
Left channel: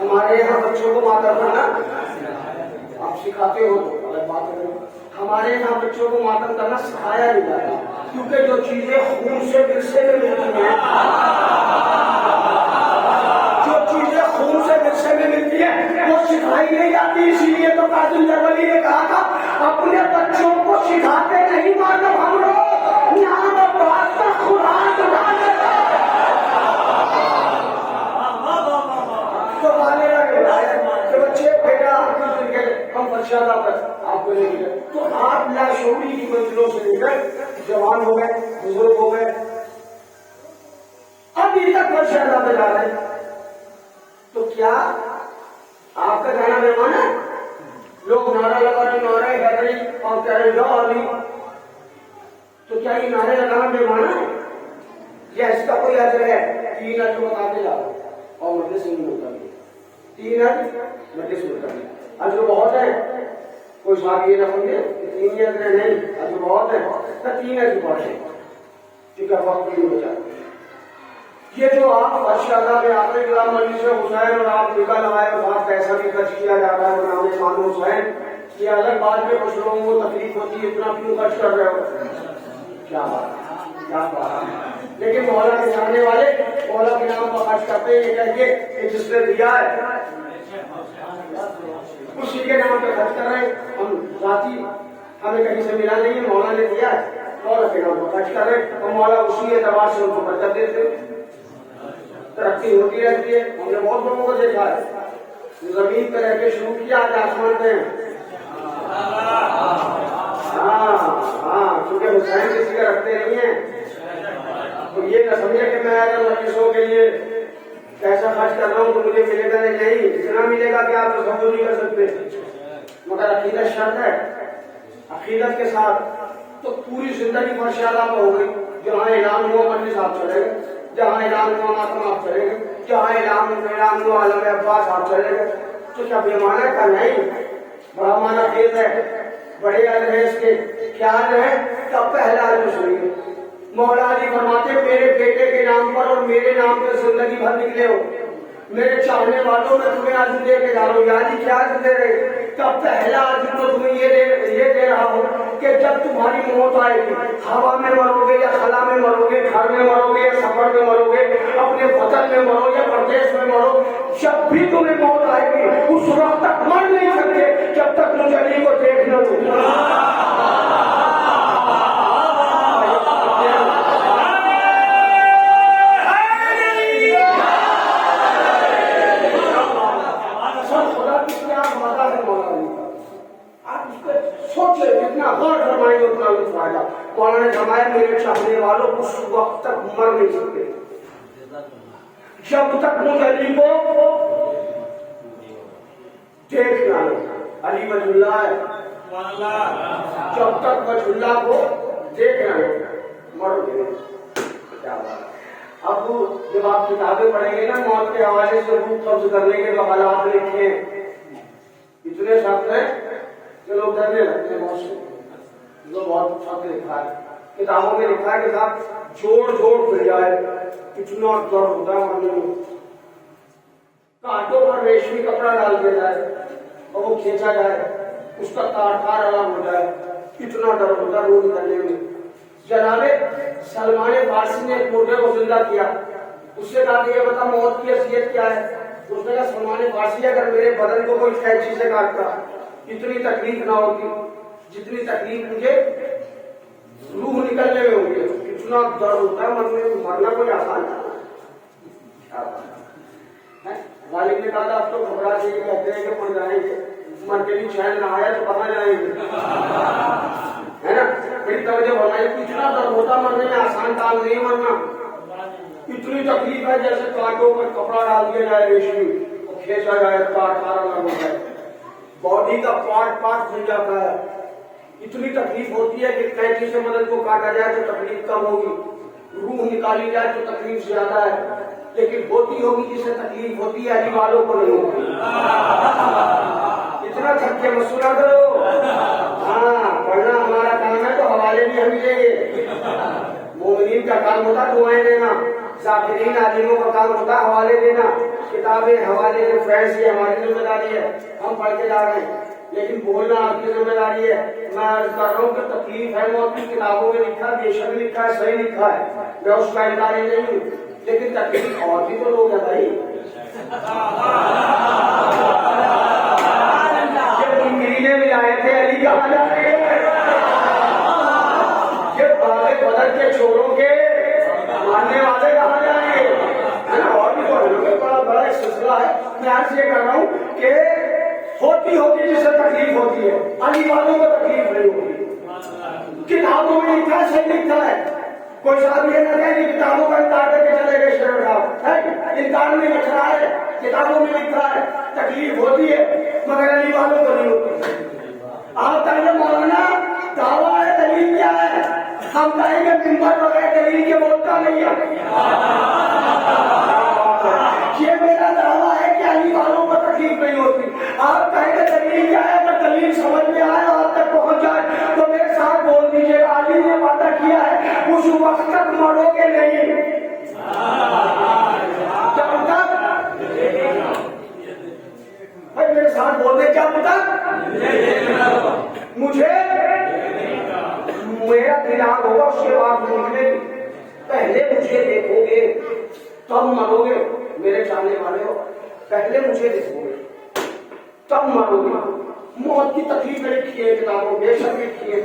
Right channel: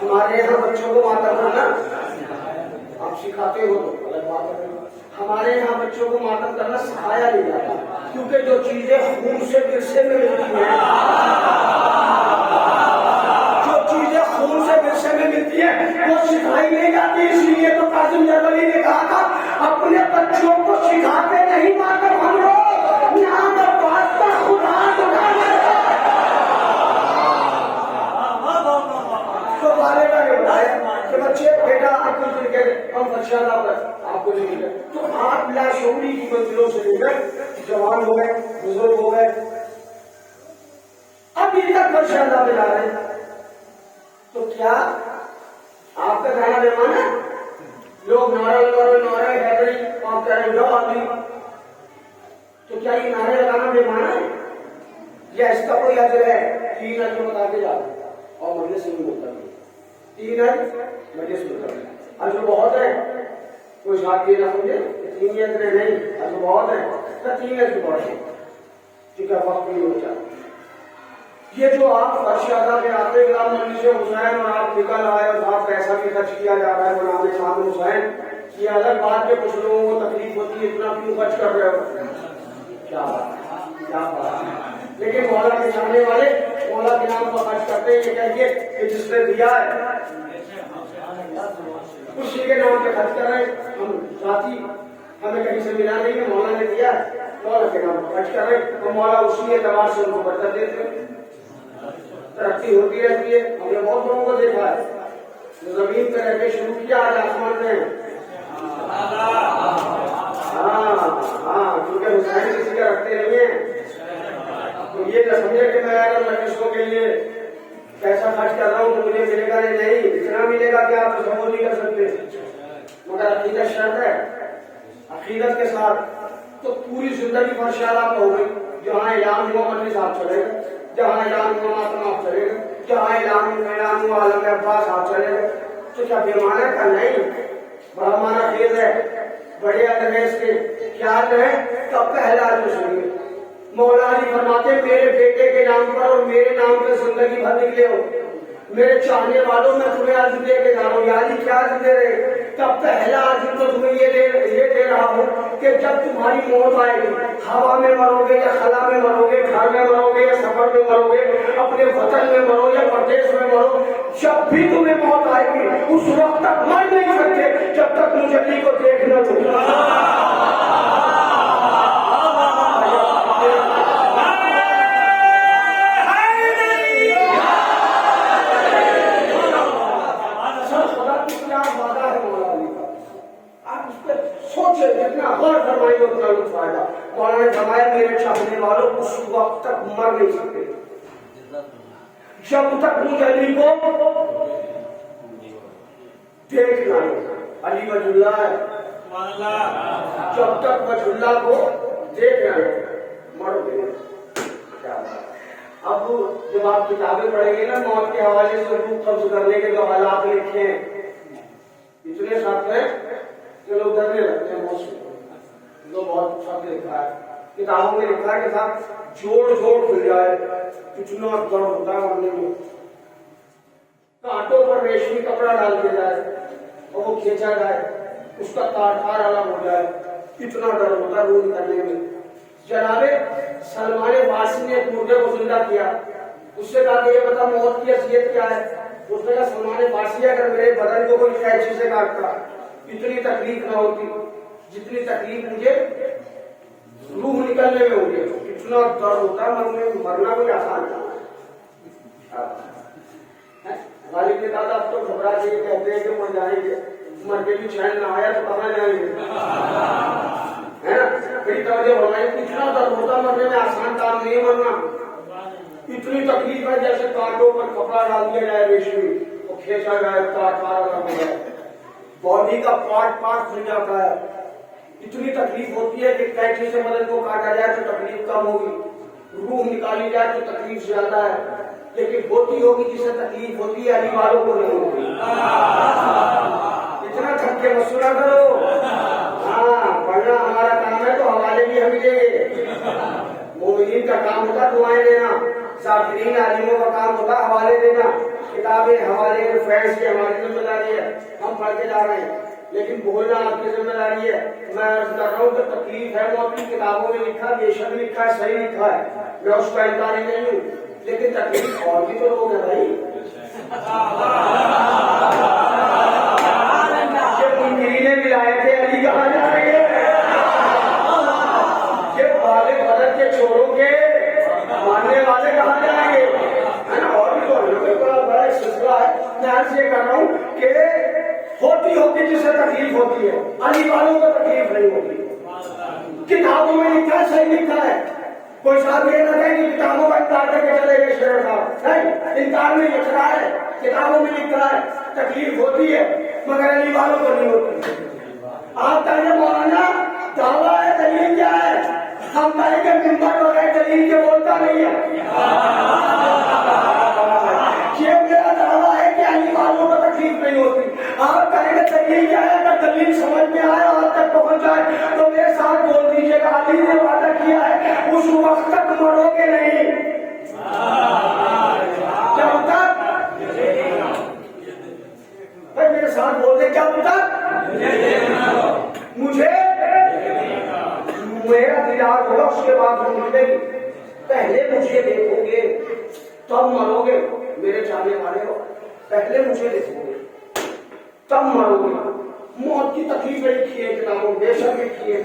ہمارے یہاں بچوں کو ماتم کرنا آپ سکھاتے ہو تو غلط بات ہے. ہمارے یہاں بچوں کو ماتم کرنا سکھایا نہیں جاتا، کیونکہ جو چیزیں خون سے ورثے میں ملتی ہیں، جو چیزیں خون سے ورثے میں ملتی ہیں وہ سکھائی نہیں جاتی. اسی لیے تو قاسم جربلی نے کہا تھا اپنے بچوں کو سکھاتے نہیں ماتم ہم لوگ، نام عباس کا قرآن سکھانے تو والدہ نے بتایا کہ بچے بیٹا آپ کچھ دن کے ہم فرش اعلیٰ پر آپ کو لے گئے، تو آپ لاشعوری کی منزلوں سے لے کر جوان ہو گئے، بزرگ ہو گئے، اب یہ تک فرش اعلیٰ پہ جا رہے ہیں. تو کیا آپ کا کہنا مہمان ہے؟ لوگ نعرہ لگا رہے، نعرہ حیدری، آپ کہہ رہے جو آدمی، تو کیا یہ نعرے لگانا مہمان ہے یا اس کا کوئی اجر ہے؟ 3 اجر بتاتے جا رہے اور مجلس نہیں ملتا. 3 اجر مجلس ملتا، اجر بہت ہے. کوئی صاحب یہ نہ سمجھے تین اتنے نہیں اب بہت ہے تو تین ہے بہت ہے ٹھیک ہے وقت نہیں ہو جاتا یہ جو آپ اچھا تھا کہ آپ غلام مجلس حسین اور آپ نکل آئے اور بہت پیسہ بھی خرچ کیا جاتا ہے نام خان حسین یہ الگ بات ہے کچھ لوگوں کو تکلیف ہوتی ہے اتنا کیوں خرچ کر رہے ہو کیا بات لیکن مولا کے جاننے والے مولا کے نام پر خرچ کرتے ہیں یہ کہیے کہ جس نے دیا ہے اسی کے نام پہ خرچ کر رہے ہیں ہم ذاتی ہمیں کہیں سے ملا نہیں ہے مولا نے دیا ہے مولا کے نام پر خرچ کر رہے ہیں تو مولا اسی اعتبار سے ان کو برکت دیتے ہیں ترقی ہوتی رہتی ہے ہم نے بہت لوگوں کو دیکھا ہے زمین پہ رہ کے شروع کیا آج آسمان میں کیونکہ حسین کسی کا رکھتے نہیں ہیں تو یہ نہ سمجھے کہ میں اگر مجلسوں کے لیے پیسہ خرچ کر رہا ہوں تو مجھے ملے گا نہیں اتنا ملے گا کہ آپ تصور نہیں کر سکتے مگر عقیدت شرط ہے عقیدت کے ساتھ تو پوری زندگی ماشاءاللہ ہو گئی جہاں اعلان ہوا مجلس آپ چلے گئے جہاں اعلان ہوا ماتم آپ چلے گئے جہاں اعلان ہوا عالم عباس آپ چلے گئے تو کیا بے معنی کا نہیں بڑا معنی خیز ہے بڑے المیز کے خیال ہے تو پہلا مسلم مولا جی فرماتے میرے بیٹے کے نام پر اور میرے نام پہ زندگی بھر نکلے ہو میرے چاہنے والوں میں تمہیں عرض دے کے جاؤ یادی کیا عرض دے رہے تب پہلا عرض تو تمہیں یہ دے رہا ہوں کہ جب تمہاری موت آئے گی ہوا میں مرو گے یا خلا میں مرو گے گھر میں مرو گے یا سفر میں مرو گے اپنے وطن میں مرو یا پردیش میں مرو جب بھی تمہیں موت آئے گی اس وقت تک مر نہیں سکتے جب تک مجھے علی کو دیکھ نہ لو مولانا نے فرمایا میرے چاہنے والوں اس وقت تک مر نہیں سکتے جب تک مجھے علی کو دیکھنا علی وجہ اللہ ہے جب تک وجہ اللہ کو دیکھنا مر گئے اب جب آپ کتابیں پڑھیں گے نا موت کے حوالے سے روح قبض کرنے کے جو حالات لکھے ہیں اتنے سخت ہیں کہ لوگ ڈرنے لگتے ہیں موت سے بہت سخت لکھا ہے کتابوں میں لکھا ہے کہ صاحب جوڑ مل جائے اتنا درد ہوتا ہے مرنے میں کانٹوں پر ریشمی کپڑا ڈال دیا جائے اور وہ کھینچا جائے اس کا تار الگ ہو جائے اتنا ڈر ہوتا ہے روح نکلنے میں جناب سلمان فارسی نے ایک مردے کو زندہ کیا اس سے کہا کہ یہ بتا موت کی حیثیت کیا ہے اس نے کہا سلمان فارسی اگر میرے بدن کو کوئی قینچی سے کاٹتا اتنی تکلیف نہ ہوتی جتنی تکلیف مجھے روح نکلنے میں ہوگی اتنا درد ہوتا ہے مرنا کوئی آسان ہے غالب نے کہا آپ تو گھبرا کے کہتے ہیں کہ مر جائیں گے مر کے بھی چین نہ آیا تو کہاں جائیں گے ہے نا پھر توجہ ہونا ہے اتنا درد ہوتا مرنے میں آسان کام نہیں مرنا اتنی تکلیف ہے جیسے کانٹوں پر کپڑا ڈال دیا جائے ریشمی اور کھینچا جائے کاٹ الگ ہو جائے باڈی کا پارٹ کھل جاتا ہے اتنی تکلیف ہوتی ہے کہ کینچی سے مدد کو کاٹا جائے تو تکلیف کم ہوگی روح نکالی جائے تو تکلیف زیادہ ہے لیکن ہوتی ہوگی جسے تکلیف ہوتی ہے علی والوں کو نہیں ہوتی اتنا تھک کے مسئلہ کرو پڑھنا ہمارا کام ہے تو حوالے بھی ہم دیں گے مومنین کا کام ہوتا دعائیں دینا ذاکرین عالموں کا کام ہوتا حوالے دینا کتابیں حوالے فرینڈس کی ہماری ذمہ داری ہے ہم پڑھ کے جا رہے ہیں لیکن بولنا آپ کی ذمہ داری ہے میں عرض کر رہا ہوں کہ تکلیف ہے موت کی کتابوں میں لکھا بے شک لکھا ہے صحیح لکھا ہے میں اس کا انکاری نہیں ہوں لیکن تکلیف اور بھی تو لوگ ہے بھائی میرے ملائے تھے علی کہاں جائیں گے یہ بڑے بدل کے چھوڑوں کے ماننے والے کہاں جائیں گے اور بھی تو بڑا ایک سلسلہ ہے میں عرض یہ کر رہا ہوں کہ ہوتی جسے تکلیف ہوتی ہے علی والوں کو تکلیف نہیں ہوتی کتابوں میں لکھا ہے صحیح لکھا ہے کوئی صاحب یہ نہ کہ کتابوں کا انکار کر کے چلے گئے شہر صاحب انکار میں لکھ رہا ہے کتابوں میں لکھا ہے تکلیف ہوتی ہے مگر علی والوں کو نہیں ہوتی آپ کہیں مولانا دعویٰ ہے دلیل کیا ہے ہم کہیں گے ممبر بغیر دلیل کے بولتا نہیں ہے یہ میرا دعویٰ ہے کہ علی والوں کو تکلیف نہیں ہوتی آپ کہیں گے دلیل کیا ہے اگر دلیل سمجھ میں آئے تک پہنچ جائے تو میرے ساتھ بول دیجیے علی نے وعدہ کیا ہے اس وقت تک مرو گے نہیں. جب تک میرے ساتھ بول دے جب تک مجھے میرا دیدار ہوگا اس کے بعد نہیں. پہلے مجھے دیکھو گے تب مرو گے میرے چاہنے والے ہو. پہلے مجھے دیکھو گے تب مرو گے. موت کی تکلیف لکھی ہے کتابوں بے شک لکھی ہے.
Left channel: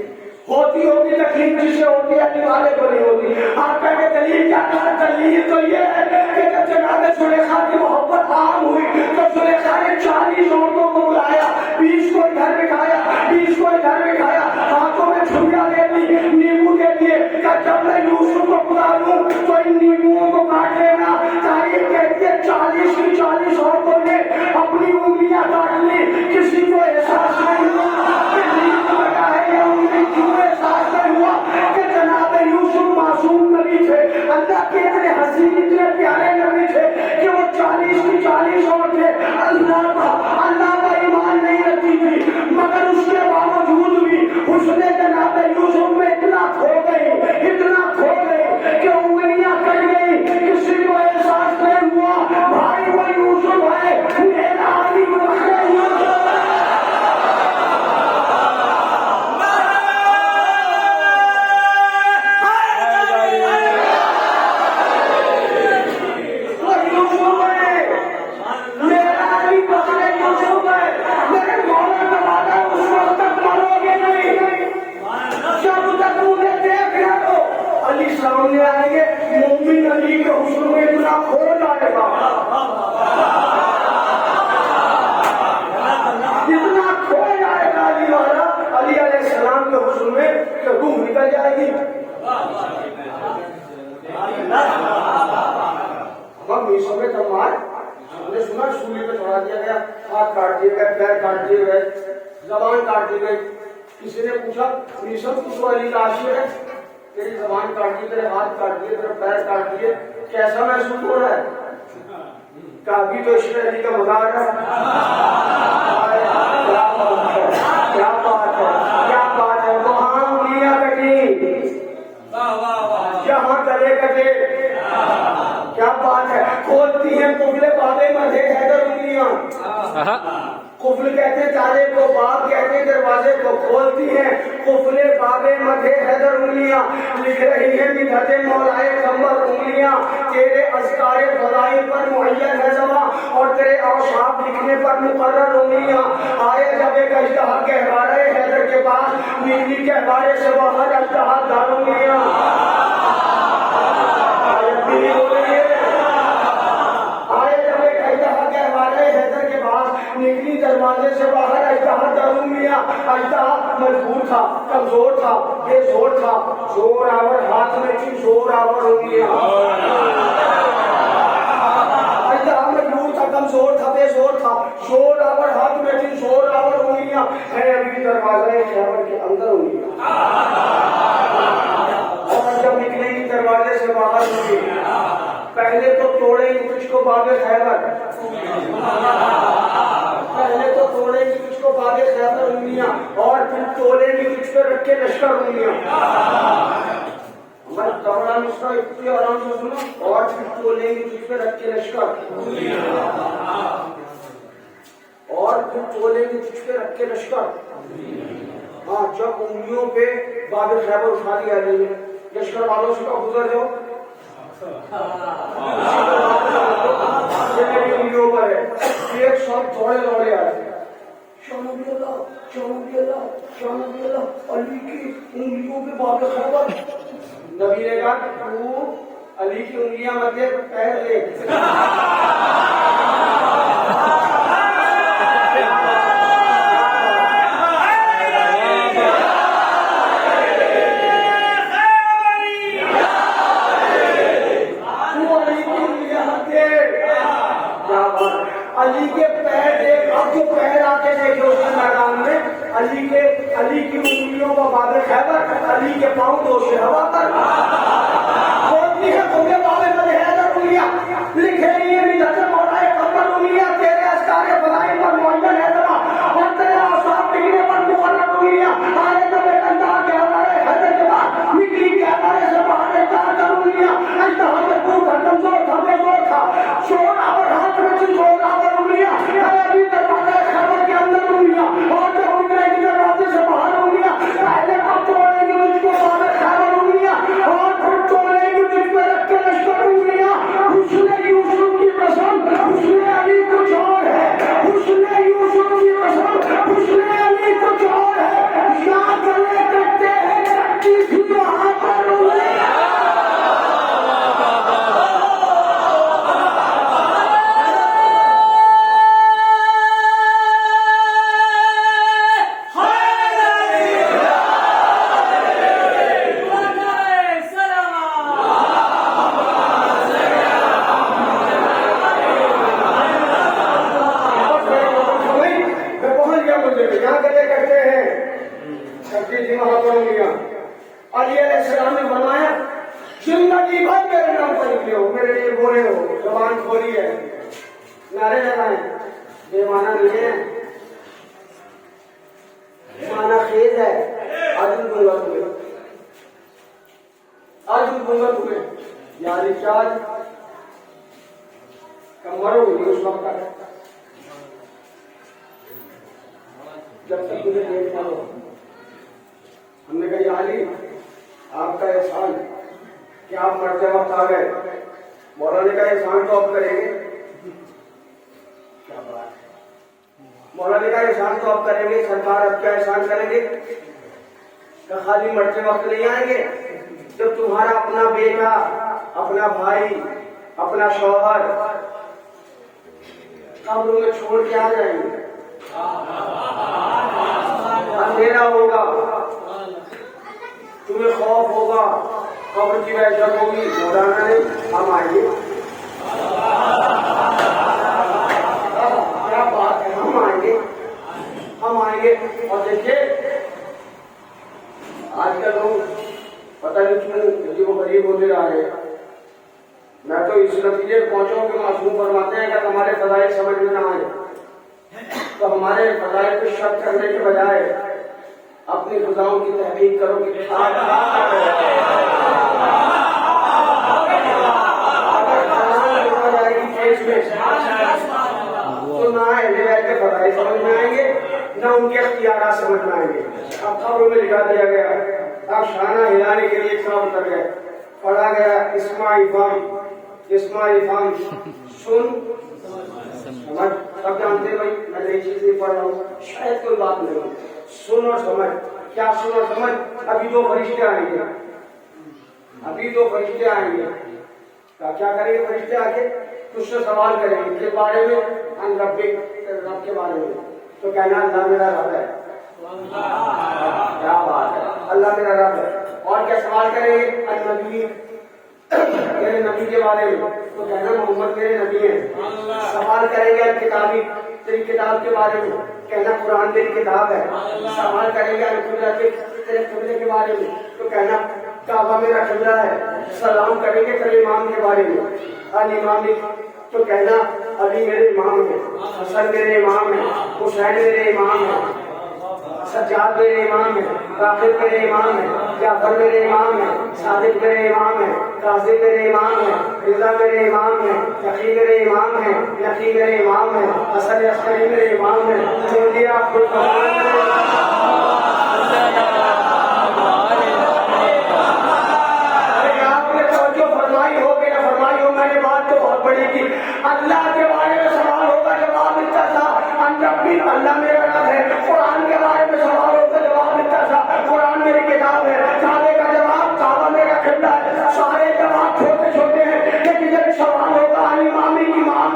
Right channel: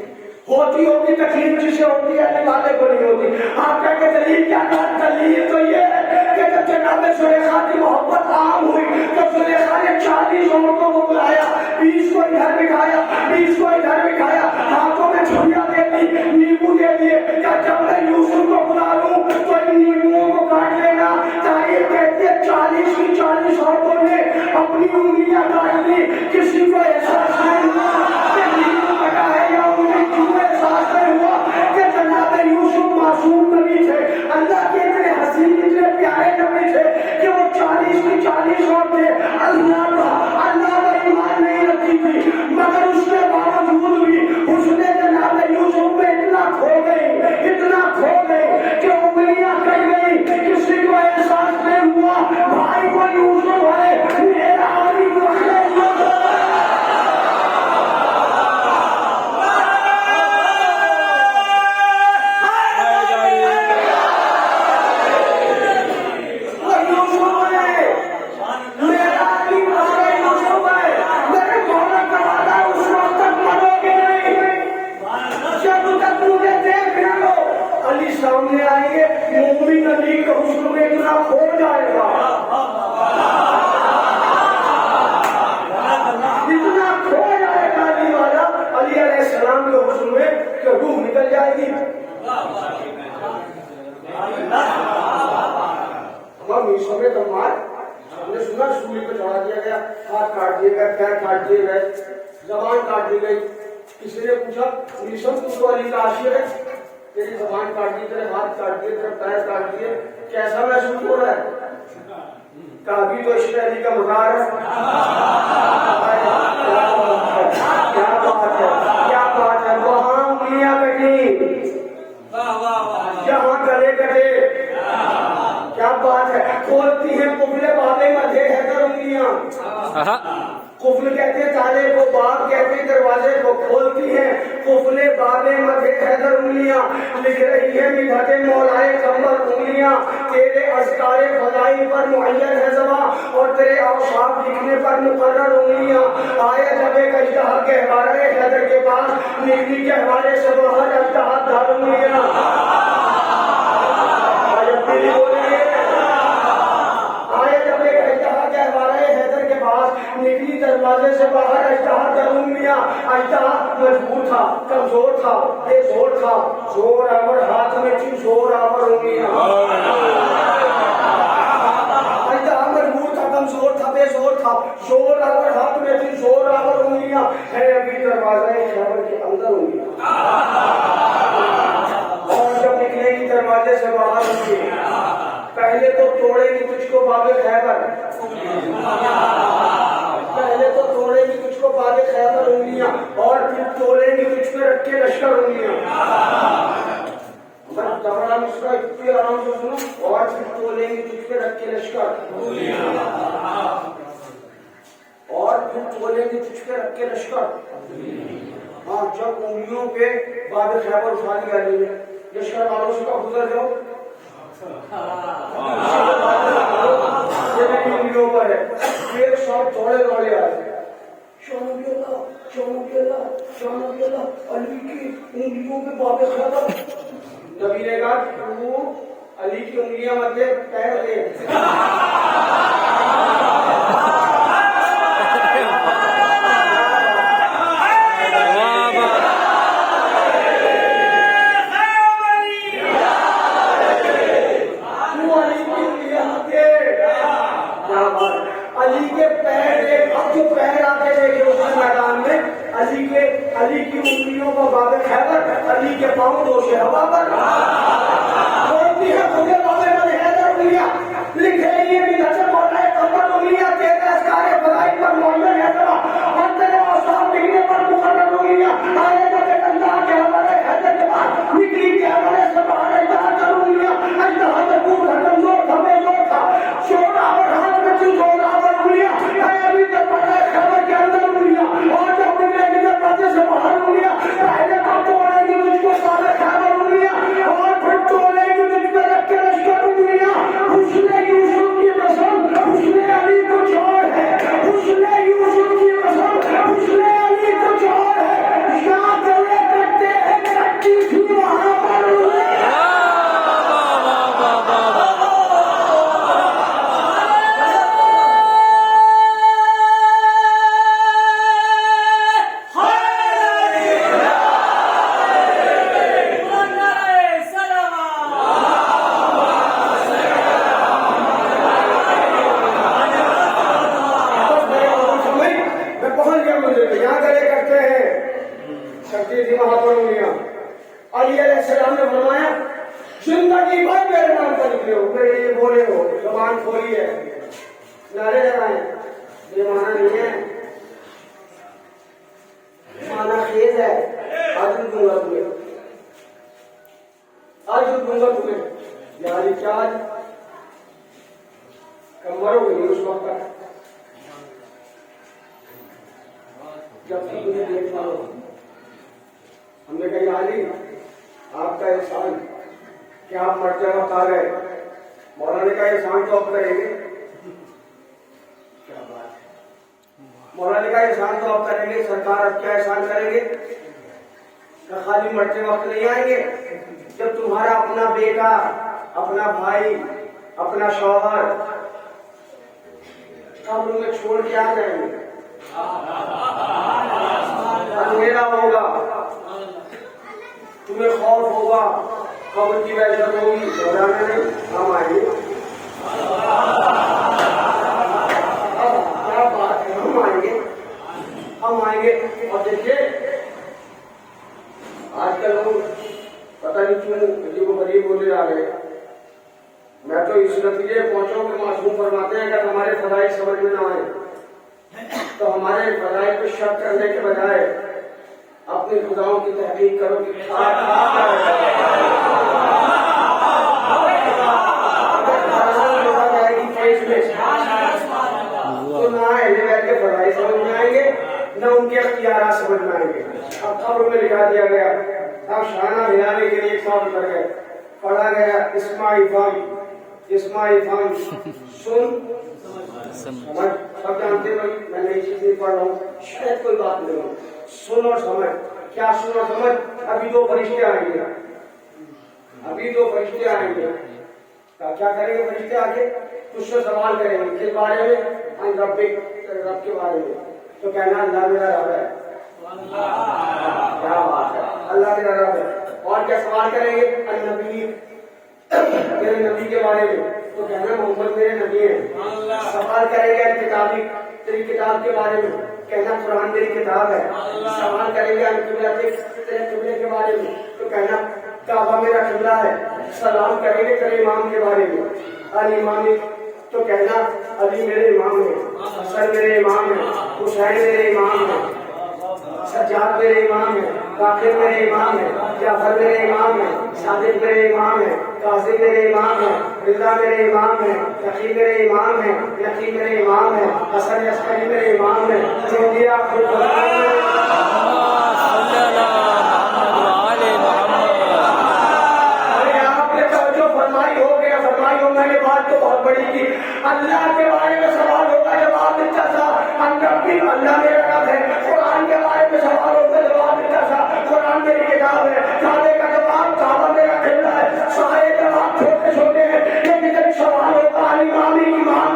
ہوتی ہوگی تکلیف جسے ہوتی ہے اپنے والے کو نہیں ہوتی. آپ کہہ کے دلیل کیا کہا؟ دلیل تو یہ ہے کہ جب جناب زلیخا کی محبت عام ہوئی تو زلیخا نے 40 عورتوں کو بلایا, 20 کو ادھر بٹھایا, 20 کو ادھر بٹھایا, ہاتھوں میں چھڑیاں دے دی, نیمبو دے دیے کہ جب میں یوسف کو بلا لوں تو ان نیمبوؤں کو کاٹ لینا. تاریخ کہتی ہے 40 کی 40 عورتوں نے اپنی انگلیاں کاٹ لی. کسی کو احساس نہیں ہوا کہ نیمبو کٹا ہے یا انگلی کی کو احساس نہیں ہوا کہ جناب یوسف معصوم نبی تھے, اللہ کے اتنے حسین اتنے پیارے نبی تھے کہ وہ 40 کی 40 عورتیں اللہ پر ایمان نہیں رکھتی تھی, مگر اس کے باوجود بھی اس نے جناب یوسف میں اتنا کھو گئی کہ انگلیاں کٹ گئی. کسی کو احساس نہیں ہوا بھائی کو یوسف ہے میرا علی سامنے آئیں گے. مومن علی کے حسن میں اتنا کھو جائے گا, اتنا کھو جائے گا علی والا علی علیہ السلام کے حسن میں کہ روح نکل جائے گی. ہم میسوں میں تمہار ہم نے سنا سولی پہ چڑھا دیا گیا, ہاتھ کاٹ دیے گئے, پیر کاٹ دیے گئے, زبان کاٹ دی گئی. کسی نے پوچھا میسم تو علی کا عاشق ہے, تیری زبان کاٹ دی, تیرے ہاتھ کاٹ دیے, تیرے پیر کاٹ دیے, کیسا محسوس ہو رہا ہے؟ کافی تو عشق علی کا مزار ہے. کیا بات ہے, وہاں انگلیاں کٹی, یہاں گلے کٹے. کیا بات ہے, کھولتی ہیں قبلے بابے مدھے حیدر انگلیاں. قفل کہتے تالے کو, باب کہتے دروازے کو, کھولتی ہیں قفلے بابے مدھے حیدر انگلیاں. لکھ رہی ہے مدحت مولائے قمر انگلیاں. تیرے اذکار خدائی پر معین ہے زبان اور تیرے اوصاف لکھنے پر مقرر انگلیاں. آئے جب ایک اژدہا گہوارہ حیدر کے پاس, نکلی گہوارے سے باہر اژدہا دار انگلیاں. نکلی دروازے سے باہر اژدہا در انگلیاں. اژدہا مجبور تھا, کمزور تھا, بے زور تھا, زور آور ہاتھ میں تھی, زور آور انگلیاں. اژدہا مجبور تھا, کمزور تھا, بے زور تھا, زور آور ہاتھ میں تھی, زور آور انگلیاں. ہے ابھی دروازے خیبر کے اندر انگلیاں. اور جب نکلے گی دروازے سے باہر انگلیاں, پہلے تو توڑے گی کچھ کو باب خیبر, پہلے تو توڑے گی کچھ کو باب خیبر انگلیاں, اور پھر توڑے گی کچھ پہ رکھ کے لشکر انگلیاں. میں دوڑا مصرا اتنی آرام سے سنو, اور پھر توڑے گی کچھ پہ رکھ کے لشکر, اور پھر توڑے گی کچھ پہ رکھ کے لشکر. ہاں, جب انگلیوں پہ باب خیبر اٹھا لیا گئی ہے, لشکر والوں سے گزر جاؤ پر ہے. ایک ساتھ دوڑے آتے, علی کی انگلیوں پہ باب خیبر. نبی نے کہا تو علی کی انگلیاں مت دے, پیر دے. علی کے پیر دیکھ, اب تو پیر آ کے دیکھو اس میدان میں, علی کی انگلیوں کا باب خیبر, علی کے پاؤں روشے ہوا پر ہوتی ہے. مجھے بابے میں حیدر انگلیاں لکھ رہی ہے مدحت مولائے قمر انگلیاں. تیرے اذکار خدائی پر معین ہے زبان اور تیرے اوصاف لکھنے پر مقرر انگلیاں. علیہ السلام نے فرمایا زندگی بھر میرے نام پر نکلے ہو، میرے لیے بولے ہو، زبان کھولی ہے، نعرے لگائیں، یہ مانا نہیں ہے، مانا خیز ہے، آج دوں گا تمہیں، آج دوں گا تمہیں، یعنی کیا آج کم مرو گے اس وقت تک جب تک تمہیں دیکھ پاؤ۔ ہم نے کہا علی آپ کا احسان کہ آپ مرتے وقت آ گئے، مولانا کا احسان تو آپ کریں گے، کیا بات ہے، مولانا کا احسان تو آپ کریں گے، سرکار آپ کا احسان کریں گے، کہ خالی مرتے وقت نہیں آئیں گے، جب تمہارا اپنا بیٹا، اپنا بھائی، اپنا شوہر قبر میں چھوڑ کے آ جائیں گے، اندھیرا ہوگا، تمہیں خوف ہوگا، قبر کی وحشت ہوگی، مولانا نے ہم آئیں گے، کیا بات ہے، ہم آئیں گے، ہم آئیں گے۔ اور دیکھیے آج کل لوگ پتہ نہیں کیوں مجھے وہ غریب ہونے آ رہے، میں تو اس نتیجے پہنچا ہوں کہ معصوم فرماتے ہیں کہ ہمارے فضائل سمجھ میں نہ آئے تو ہمارے فضائل پہ شک کرنے کے بجائے اپنی خداؤں کی تحقیق کرو کہ تو نہ اہل بیت کے فضائل سمجھ میں آئیں گے، نہ ان کے اختیارات سمجھ میں آئیں گے۔ اب قبر میں لکھا دیا گیا، اب شانہ ہلانے کے لیے کام کر گئے، پڑھا گیا اسماعی فام سن سمجھ، اب جانتے بھائی میں نئی چیزیں پڑھ رہا ہوں، شاید کوئی بات نہیں، سن اور سمجھ، کیا سن اور سمجھ، ابھی دو فرشتے آئیں گے، ابھی دو فرشتے آئیں گے، کیا کریں گے فرشتے آگے؟ تجھ سے سوال کریں گے کس بارے میں؟ رب کے بارے میں، تو کہنا اللہ میرا رب ہے، کیا بات ہے، اللہ میرا رب ہے۔ اور کیا سوال کریں گے؟ النبی، میرے نبی کے بارے میں، تو کہنا محمد میرے نبی ہیں۔ سوال کریں گے کتابی، تیری کتاب کے بارے میں، کہنا قرآن تیری کتاب ہے۔ سوال کریں گے تیرے قبلے کے بارے میں، تو کہنا کعبہ میرا قبلہ ہے۔ سلام کریں گے تیرے امام کے بارے میں، الامام، تو کہنا علی میرے امام ہے، حسن میرے امام ہے، حسین میرے امام ہے، سجاد میرے امام ہے، باقر میرے امام ہے، جعفر میرے امام ہے، صادق میرے امام ہے، قاسم میرے امام ہے، رضا میرے امام ہے، تقی میرے امام ہے، نقی میرے امام ہے، حسن عسکری میرے امام ہے، چودیا اللہ کے بارے میں سوال ہوگا جواب ملتا تھا، اللہ میرا رب ہے، قرآن کے بارے میں سوال ہوگا جواب ملتا تھا، قرآن میری کتاب ہے، کعبے کا جواب کعبہ میرا قبلہ ہے، سارے جواب چھوٹے چھوٹے ہیں، لیکن جب سوال ہوتا ہے امام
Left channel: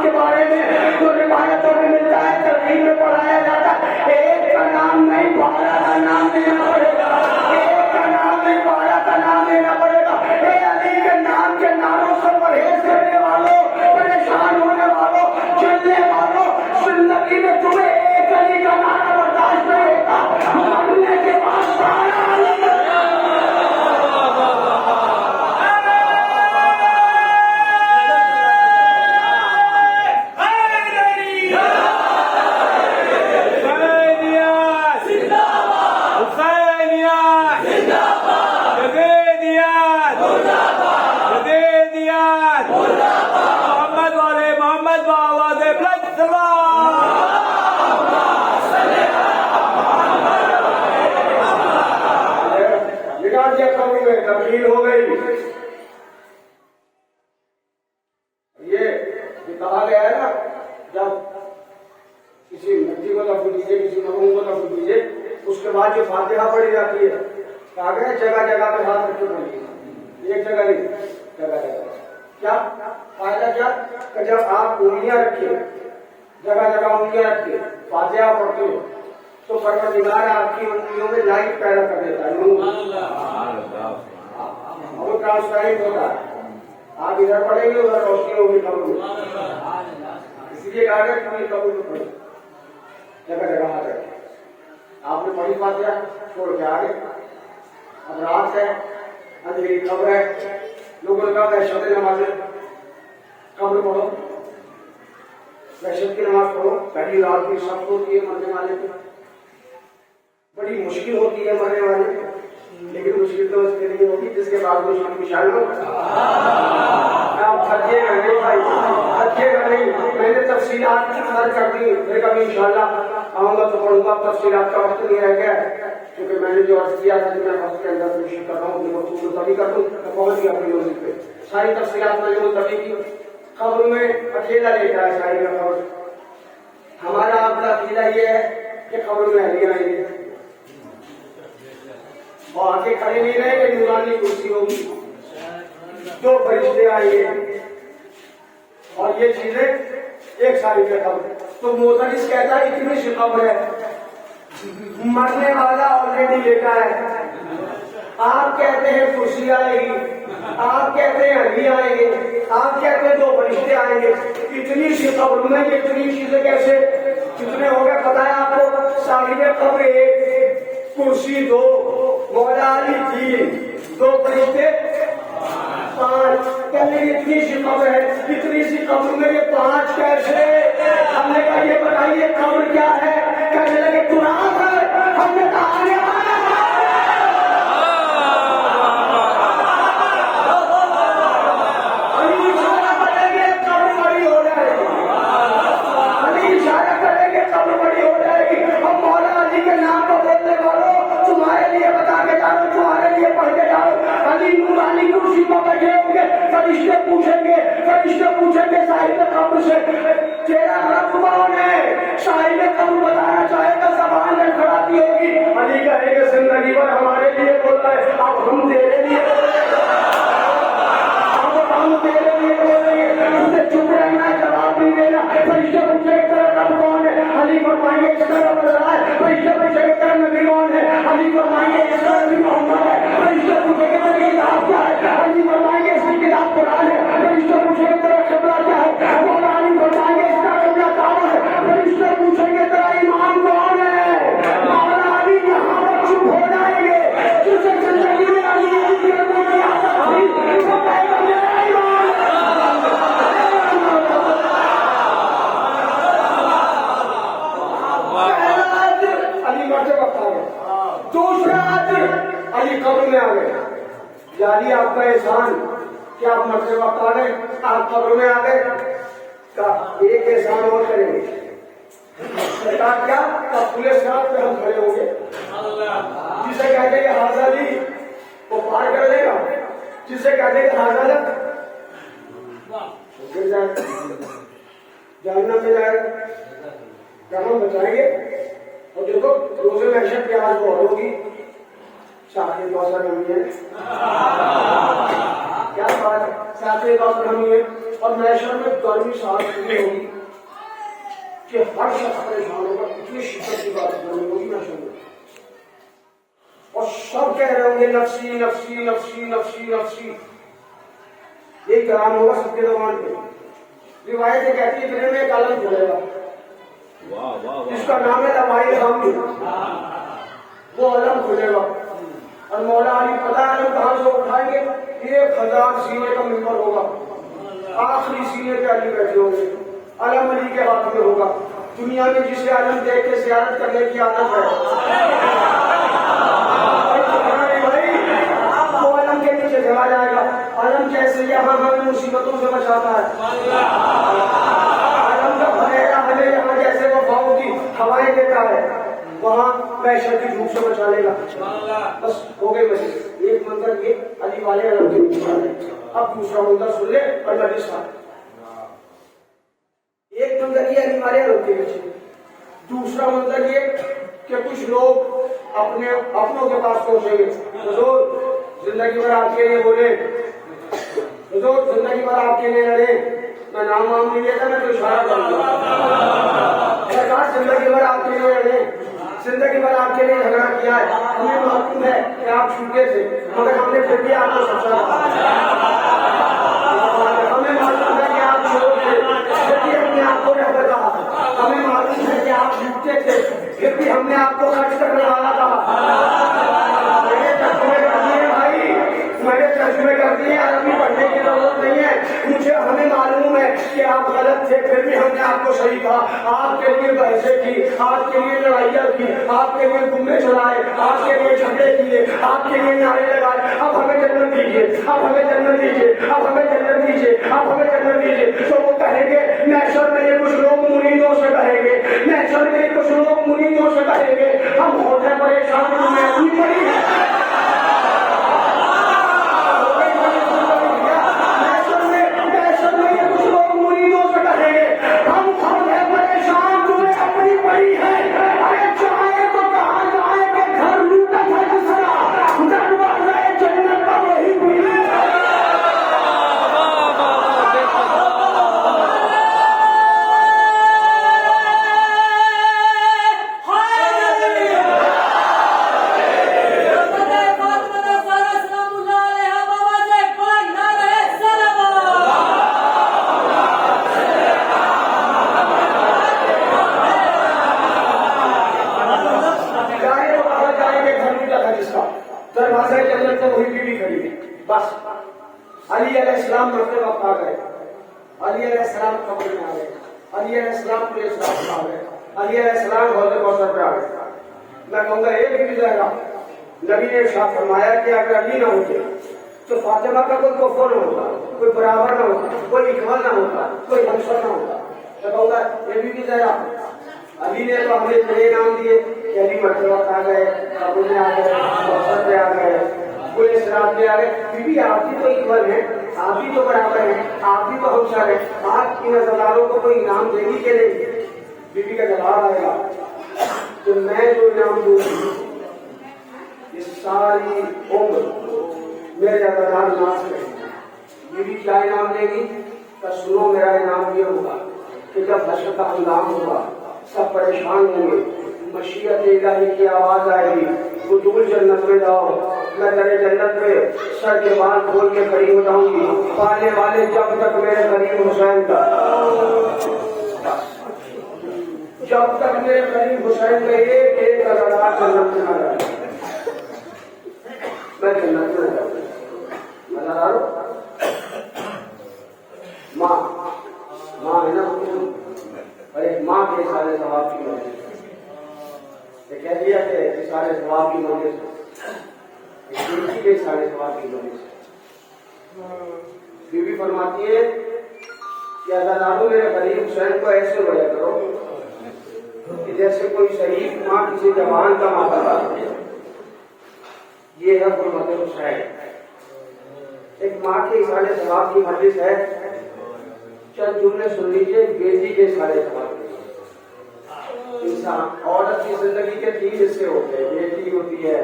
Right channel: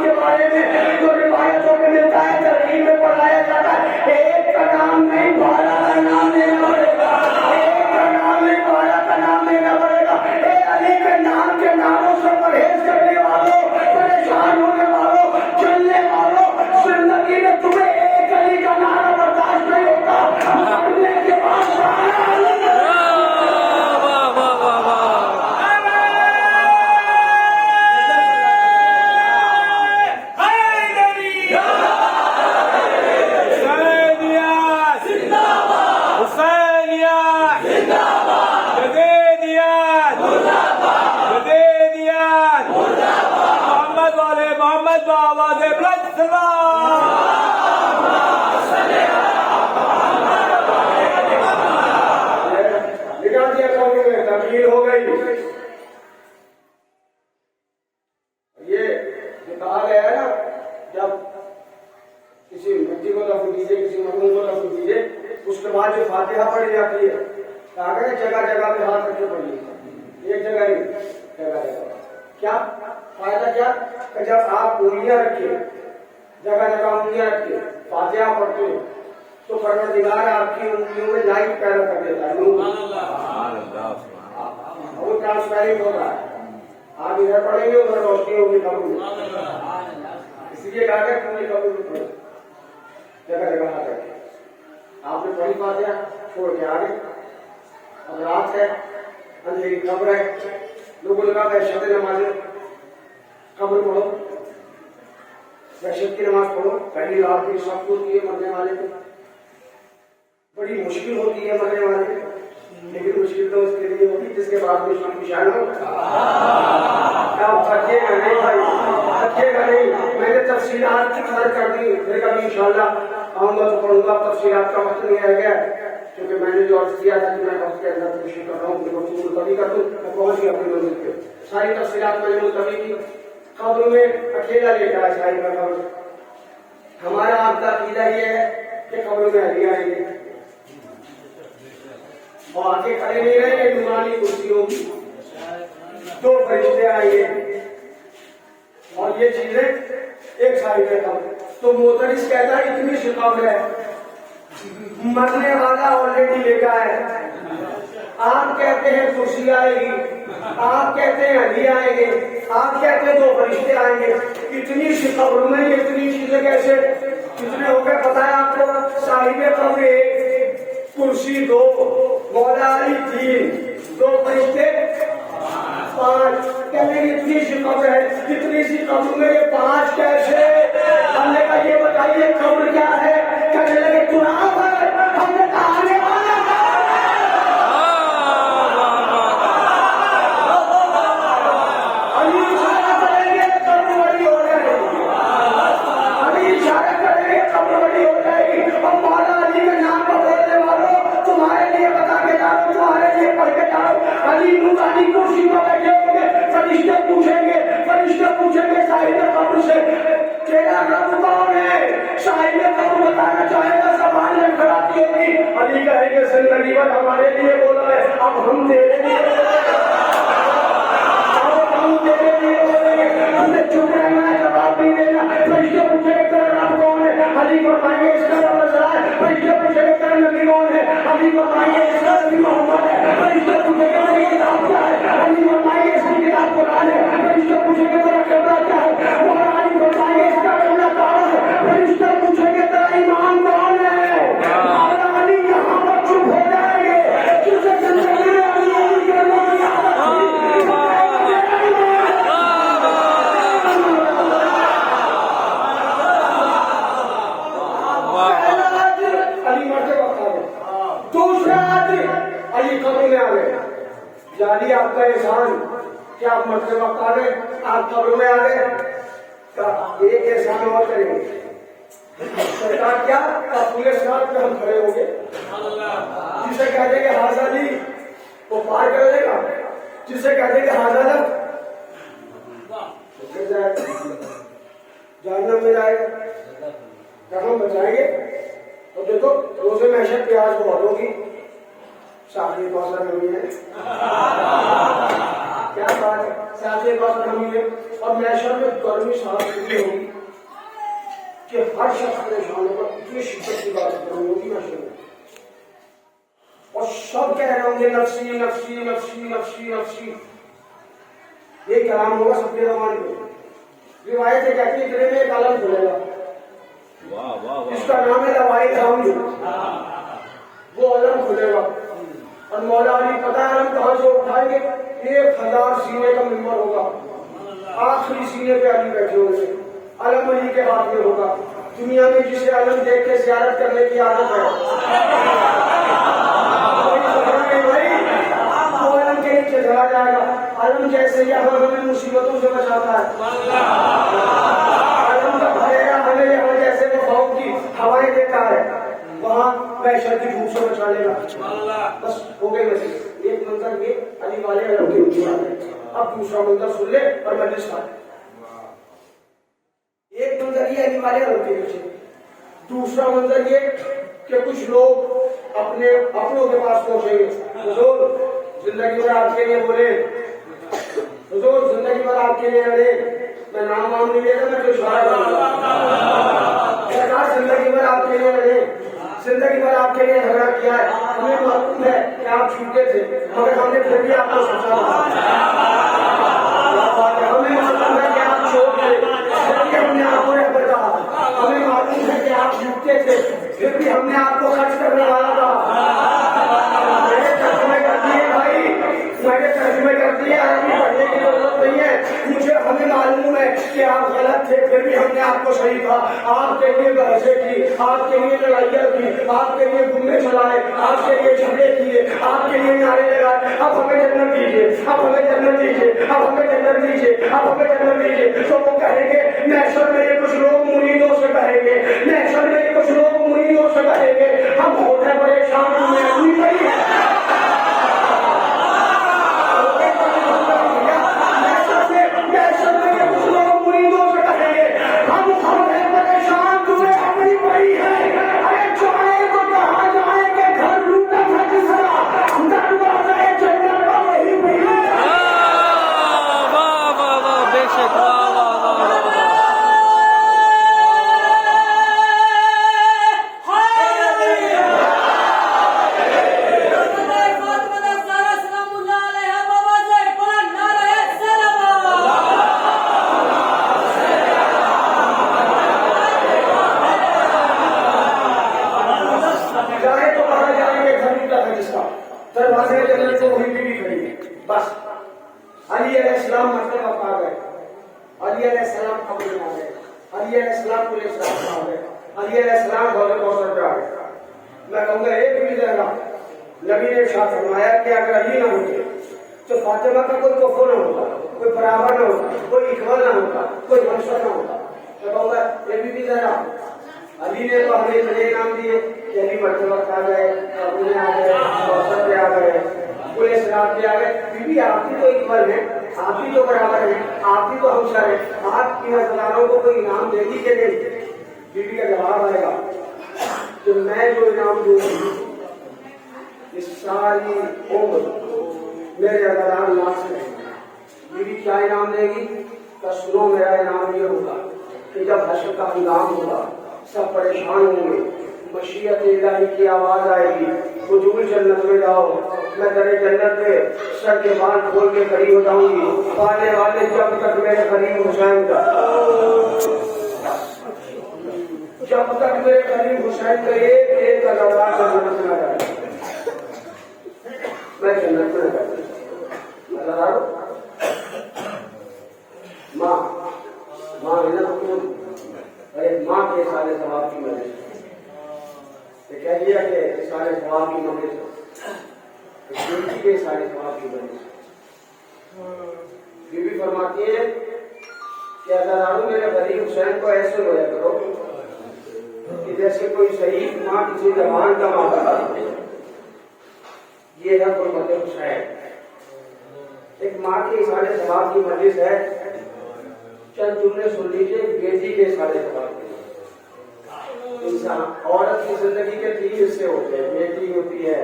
کے بارے میں تو روایتوں میں ملتا ہے، ترغیب میں پڑھایا جاتا ہے، ایک کا نام نہیں 12 کا نام لینا پڑے گا، ایک کا نام نہیں 12 کا نام لینا پڑے گا۔ اے علی کے نام کے ناموں سے پرہیز کرنے والوں، پریشان ہونے والوں، چلنے والوں، زندگی میں تمہیں ایک علی کا نعرہ برداشت نہیں ہوگا، مرنے کے بعد تبدیل ہو گئی۔ یہ کہا گیا ہے نا، جب کسی مٹی کو لفظ دیجیے، کسی مرحوم کو لفظ دیجیے، اس کے بعد جو فاتحہ پڑھی جاتی ہے، کہا گیا جگہ جگہ پہ ہاتھ رکھ کے پڑھیے، ایک جگہ نہیں، جگہ جگہ۔ کیا فائدہ؟ کیا کہ جب آپ انگلیاں رکھیے، جگہ جگہ انگلیاں رکھیے، فاتحہ پڑھتے ہو، تو پروردگار آپ کی انگلیوں میں لائٹ پیدا کر دیتا ہے، وہ ٹرانسفرنگ ہو رہا ہے، آپ ادھر پڑھیں گے ادھر روشنی ہوگی قبر میں، اس لیے کہا گیا کہ قبر میں پڑھو، جگہ جگہ ہاتھ رکھے۔ آپ نے پڑھی فاتحہ چھوڑ کے آگے، اب رات ہے، اندھیری قبر ہے، لوگوں نے کہا وحشت نماز قبر پڑھو، وحشت کی نماز پڑھو، پہلی رات بھی سخت ہوتی ہے مرنے والے کی، بڑی مشکل ہوتی ہے مرنے والے، لیکن مشکل تو اس کے لیے ہوگی جس کے بعد بھی شام کی شاید ہو تھکے گا نہیں بھائی، تھکے گا نہیں. میں نے تفصیلات کی مدد کر دی، پھر کبھی انشاءاللہ آؤں گا تو پڑھوں گا. تفصیلات کا وقت نہیں رہ گیا کیونکہ میں نے جو عرض کیا تھا کہ میں وقت کے اندر کوشش کر رہا ہوں کہ وقت ملتوی کر دوں، پہنچ گیا اپنی موضوع پہ. ساری تفصیلات میں نے ملتوی کی. قبر میں اکیلا لیٹا ہے ساری کا قبر. ہمارا آپ کا عقیدہ یہ ہے کہ قبر میں اہلی آئیں گے، وہ آگے کھڑے نہیں رہے گے، نورانی کرسی ہوگی، دو فرشتے آئیں گے اور یہ چیزیں ایک ساری ہے قبر. تو معترض کہتا ہے اتنی سی قبر ہے، مرنے والا آلریڈی لیٹا ہے، آپ کہتے ہیں کرسی آئے گی، آپ کہتے ہیں ہڈی آئیں گے، آپ کہتے ہیں دو فرشتے آئیں گے. اتنی سی قبر میں اتنی چیزیں کیسے کتنے ہو گئے پتا ہے آپ کو؟ صاحب قبر ایک، کرسی دو، مولا علی تین، دو فرشتے پانچ. کہتے ہیں اتنی سی قبر ہے، اتنی سی قبر میں یہ پانچ کیسے؟ ہم نے کہا یہ بتائیے قبر کیا ہے؟ کہنے لگے قرآن ہے. ہم نے کہا تیرا رب کون ہے؟ شاہد کون بتانا چاہے گا، زبان میں کھڑاتی ہوگی. علی کہے گے زندگی بھر ہمارے لیے بولا ہے، اب ہم تیرے لیے بولیں گے، اب ہم تیرے لیے بولیں گے. تم نے چپ رہنا ہے، جواب نہیں دینا. فرشتے پوچھیں گے تیرا رب کون ہے؟ علی فرمائیں گے اس کا رب اللہ ہے. فرشتے پوچھیں گے تیرا نبی کون ہے؟ علی فرمائیں گے اس کا نبی محمد ہے. فرشتے پوچھیں گے تیری کتاب کیا ہے؟ علی فرمائیں گے اس کی کتاب قرآن ہے. فرشتے پوچھیں گے تیرا قبلہ کیا ہے؟ مولا علی فرمائیں گے اس کا قبلہ کعبہ ہے. فرشتے پوچھیں گے تیرا ایمان کون ہے؟ مولا علی یہاں پر چپ ہو جائیں گے. تجھے پوچھیں گے علی کے نام علی مرتے وقت آ گئے. دوسرا علی قبر میں آ گئے. جالی آپ کا احسان کہ آپ مرتے وقت آ گئے، آپ قبر میں آ گئے. ایک احسان اور کریں گے سرکار کیا پورے سڑک پہ ہم کھڑے ہوں گے، جسے کہتے ہیں کہ حضرت علی وہ پار کر لے گا، جسے کہتے ہیں کہ حضرت جاننا میں جائے گا، کہاں بچائیں گے. اور دیکھو روزے محشر کی آج بہت ہوگی، شاخی کوثر نمی ہے، کیا بات ہے، شاخی کوثر نمی ہے. اور محشر میں گرمی ساتھ اتنی ہوگی کہ ہر شخص پریشان ہوگا، اتنی شدت کی بات گرمی ہوگی محشر میں. اور سب کہہ رہے ہوں گے نفسی نفسی نفسی نفسی نفسی. یہ کلام ہوگا سب کے زبان پہ. روایتیں کہتی ہیں اتنے میں ایک عالم کھلے گا جس کا نام ہے لوائی غم. وہ علم کھلے گا اور مولا علی پتہ ہے علم کہاں سے اٹھائیں گے؟ 1000 سینے کا ممبر ہوگا، آخری سینے پہ علی بیٹھے ہوں گے، علم علی کے ہاتھ میں ہوگا. دنیا میں جسے علم دیکھ کے زیارت کرنے کی عادت ہے وہ علم کے نیچے چلا جائے گا. علم جیسے یہاں ہمیں مصیبتوں سے بچاتا ہے، علم کا بھریا ہمیں یہاں جیسے وہ بہت کی ہوائیں دیتا ہے، وہاں محشر کی دھوپ سے بچا لے گا. بس ہو گئے مسئلے. ایک منظر یہ علی والے علم کے نیچے. اب دوسرا منظر سن لے اور مجلس کا. ایک منظر یہ علی والے علم کے نیچے. دوسرا منظر یہ کہ کچھ لوگ اپنوں کے پاس پہنچیں گے. حضور زندگی بھر آپ کے لیے بولے، حضور زندگی بھر آپ کے لیے لڑے، میں نام وام نہیں لیتا، میں تو اشارہ کروں گا. سرکار زندگی بھر آپ کے لیے لڑے، زندگی بھر آپ کے لیے جھگڑا کیا ہے، ہمیں معلوم ہے کہ آپ چھوٹے تھے مگر ہم نے پھر بھی آپ کو سوچا. ہمیں معلوم ہے کہ آپ چھوٹے تھے پھر بھی ہم نے آپ کو رہبر کہا. ہمیں معلوم ہے کہ آپ چھوٹے تھے پھر بھی ہم نے آپ کو خرچ کرنے والا کہا. میرے آپ غلط تھے پھر بھی ہم نے آپ کو صحیح کہا. آپ کے لیے بحثیں کی, آپ کے لیے لڑائیاں کی, آپ کے لیے گھومنے چلائے, آپ کے لیے جھگڑے کیے, آپ کے لیے نعرے لگائے. اب ہمیں جنت دیجیے, اب ہمیں جنت دیجیے, اب ہمیں جنت دیجیے, اب ہمیں جنت دیجیے. تو وہ کہیں گے محشر میں یہ کچھ لوگ مریدوں سے کہیں گے, محشر میں یہ کچھ لوگ مریدوں سے کہیں گے ہم ہوتے پریشان تمہیں اپنی پڑی ہے. دروازے جنت سے وہی بھی کھڑی ہے. بس علی علیہ السلام مرتبہ پا گئے, علی علیہ السلام قبر میں آ گئے, علی علیہ السلام پولیس میں آ گئے, علی علیہ السلام غوث کوثر پہ آ گئے. میں کہوں گا یہ بھی جائے گا. نبی نے ارشاد فرمایا کہ اگر علی نہ ہوتے تو فاطمہ کا کوئی توفو نہ ہوتا, کوئی برابر نہ ہوتا, کوئی اکمل نہ ہوتا, کوئی ہمسر نہ ہوتا. میں کہوں گا یہ بھی جائے گا. علی نے تو ہمیں اتنے نام دیے کہ علی مرتبہ آ گئے, ابو نے آ گئے, کوثر پہ آ گئے, پورے سراب پہ آ گئے. بیوی آپ بھی تو اکمل ہیں, آپ بھی تو برابر ہیں, آپ بھی تو ہمسر ہیں. آپ کی نظروں کو کوئی انعام دے گی کہ نہیں؟ بیوی کا جواب آئے گا کہ میں جو انعام دوں گی یہ ساری عمر میرے نظران ناس میں. بیوی کیا انعام دے گی؟ کہ سنو میرا انعام یہ ہوگا کہ جب حشر کا ہنگام ہوگا سب پریشان ہوں گے, مشیت الہی کی آواز آئے گی, حضور جنت میں جاؤ, میں تیرے جنت میں سر کے بال کھول کے کھڑی ہو جاؤں گی. پانے والے جب تک میرے قریب حسین کا, جب تک میرے قریب حسین کا ایک لڑا جنت میں نہ جائے, میں جنت میں جاؤں. ماں ماں ہے نا, ایک ماں کے سارے ثواب کی وجہ سے کہہ دیا کہ سارے ثواب کی وجہ سے, ایک بیوی کے سارے ثواب کی وجہ سے. بیوی فرماتی ہے کہ اللہ تعالیٰ میرے قریب حسین کو ایسے وجہ کرو کہ جیسے کوئی صحیح ماں کسی زبان کا ماتا. یہ ہے حرمت حسین. ایک ماں کے سارے ثواب کی مجلس ہے. چند جملے سن لیجیے بیٹی کے سارے ثواب. انسان عورت کی زندگی کے 3 حصے ہوتے ہیں, بیٹی ہوتی ہے,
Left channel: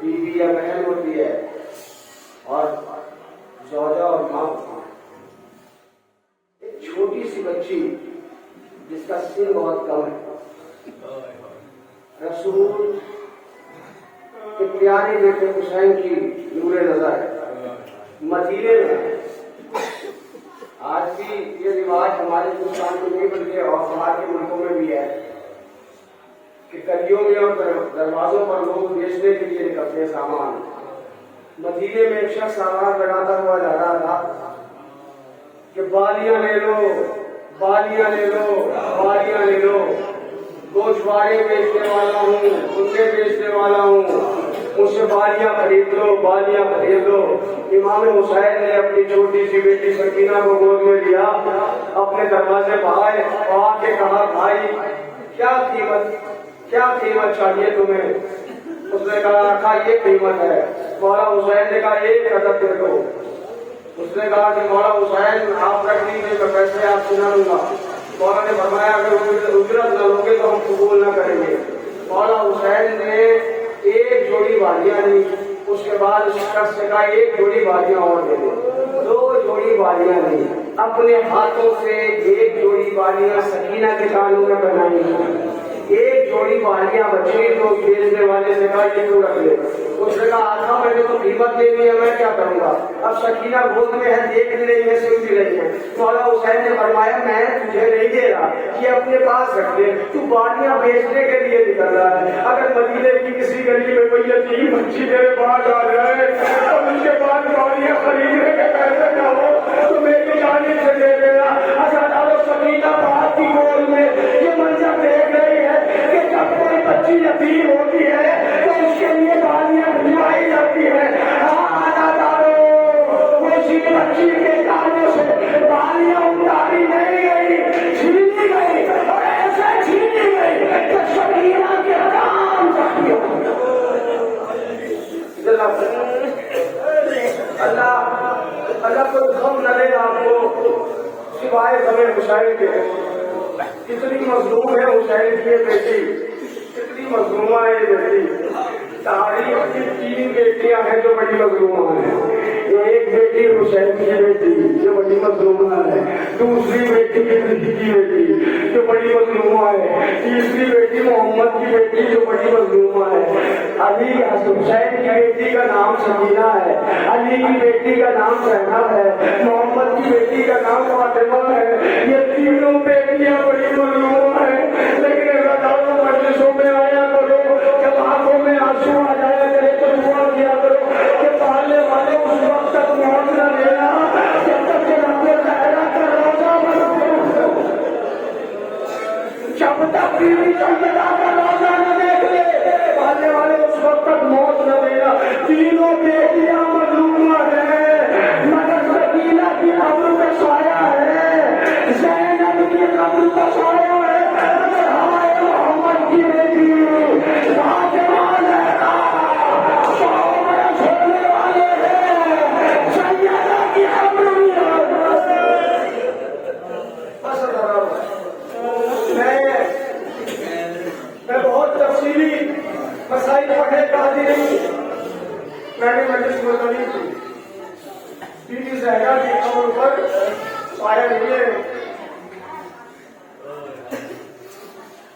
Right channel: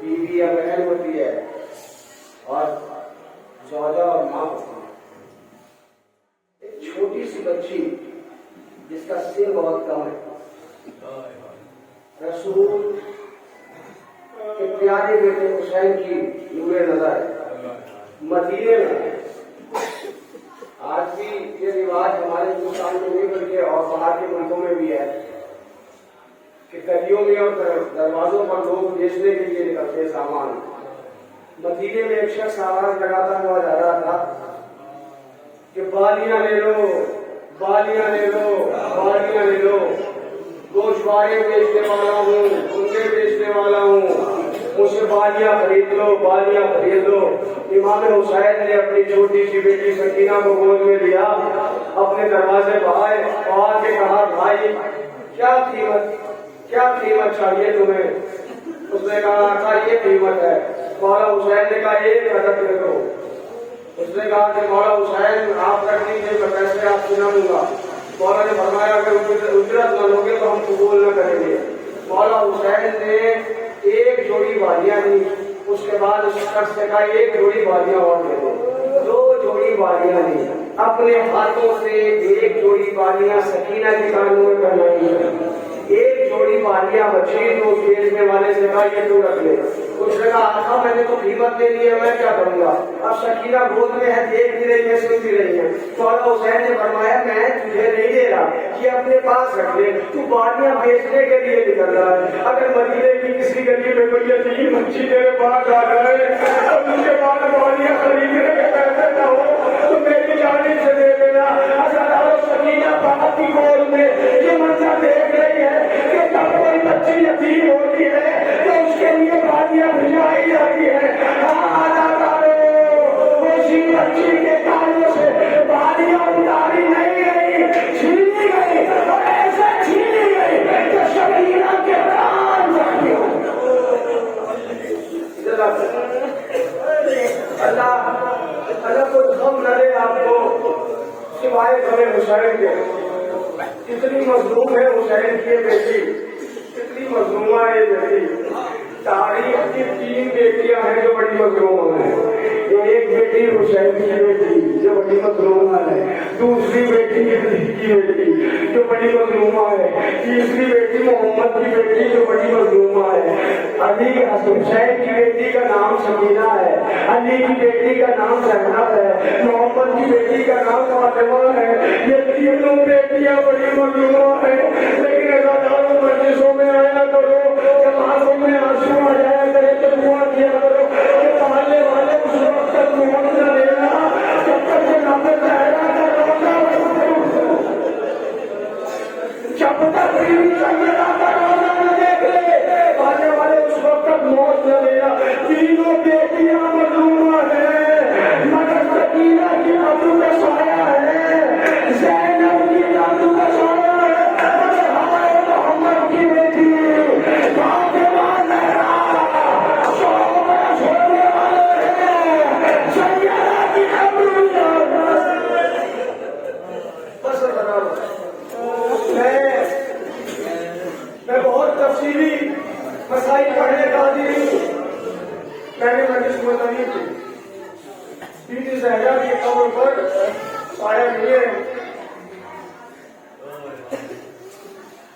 بیوی یا بہن ہوتی ہے, اور زوجہ اور ماں ہوتی ہے. ایک چھوٹی سی بچی جس کا سن بہت کم ہے, رسول کے پیارے بیٹے حسین کی نور نظر مدینے میں. آج بھی یہ رواج ہمارے ہندوستان میں نہیں بلکہ اور باہر کے ملکوں میں بھی ہے کہ گلیوں میں اور دروازوں پر لوگ بیچنے کے لیے نکلتے ہیں سامان. مدینے میں ایک شخص آواز لگاتا ہوا جا رہا تھا کہ بالیاں لے لو, بالیاں لے لو, بالیاں لے لو, گوشوارے بیچنے والا ہوں, سنے بیچنے والا ہوں, مجھ سے بالیاں خرید لو, بالیاں خرید لو. امام حسین نے اپنی چھوٹی سی بیٹی سکینہ کو گود میں لیا, اپنے دروازے پائے اور آ کے کہا بھائی کیا قیمت چاہیے تمہیں؟ اس نے کہا آقا یہ قیمت ہے. مولا حسین نے کہا ایک عدد دے دو. اس نے کہا کہ مولا حسین آپ رکھ دیجیے تو پیسے آپ سنا لوں گا. مولا نے فرمایا کہ اجرت نہ لو گے تو ہم قبول نہ کریں گے. مولا حسین نے ایک جوڑی والیاں لی. اس کے بعد اس شخص سے کہا ایک جوڑی والیاں اور دے دو. 2 جوڑی والیاں لی. اپنے ہاتھوں سے ایک جوڑی والیاں سکینہ کے کانوں میں بنائی. ایک جوڑی والیاں بچی تو بیچنے والے سے کہا یہ تو رکھ لے. اس نے کہا آقا میں نے تو قیمت دے دی ہے, میں کیا کروں گا؟ اب سکینہ گود میں ہے, دیکھ بھی رہی ہے, سن بھی رہی ہے. مولا حسین نے فرمایا میں تجھے نہیں دے رہا, یہ اپنے پاس رکھ لے, تو والیاں بیچنے کے لیے نکل رہا ہے. اگر مدینے کی کسی گلی میں کوئی یتیم بچی تیرے پاس آ جائے اور ان کے پاس والیاں خریدنے کے پیسے نہ ہو تو میری جانب سے دے دینا, اللہ کو غم نہ لے آپ کو سوائے بڑے حسین کے. کتنی مظلوم ہے حسین کی بیٹی, کتنی مظلومہ ہے بیٹی. تاریخ کی 3 بیٹیاں ہیں جو بڑی مظلومہ ہیں. جو ایک بیٹی حسین کی بیٹی جو بڑی مظلومہ ہے, دوسری بیٹی علی کی بیٹی جو بڑی مظلومہ ہے, تیسری بیٹی محمد کی بیٹی جو بڑی مظلومہ ہے. علی حسین کی بیٹی کا نام سکینہ ہے, علی کی بیٹی کا نام زینب ہے, محمد کی بیٹی کا نام فاطمہ ہے. یہ تینوں بیٹیاں بڑی مظلومہ ہیں. لیکن اللہ تعالیٰ مجلسوں میں آیا کرو, جب آنکھوں میں آنسو آ جایا کرے تو دعا کیا کرو کہ پالنے والے اس وقت تک موت نہ دینا جب تک کہ رب ظاہرہ کا روزہ جب تک بیوی سجدہ کا روزہ نہ دیکھ لے, پالنے والے اس وقت تک موت نہ دینا. تینوں بیٹیاں مظلومہ ہیں, مگر سکینہ کی ابرو کا سایہ ہے, زینب کی ابرو کا سایہ ہے, محمد کی بیٹی فاطمہ زہرا شوہر سونے والے ہیں, سیدہ کی ابرو میں بہت تفصیلی مسائل پڑھنے کا عادی نہیں ہوں. میں نے مجلس میں پڑھی تھی بی بی زہرا کی قبر پر پائے ہوئے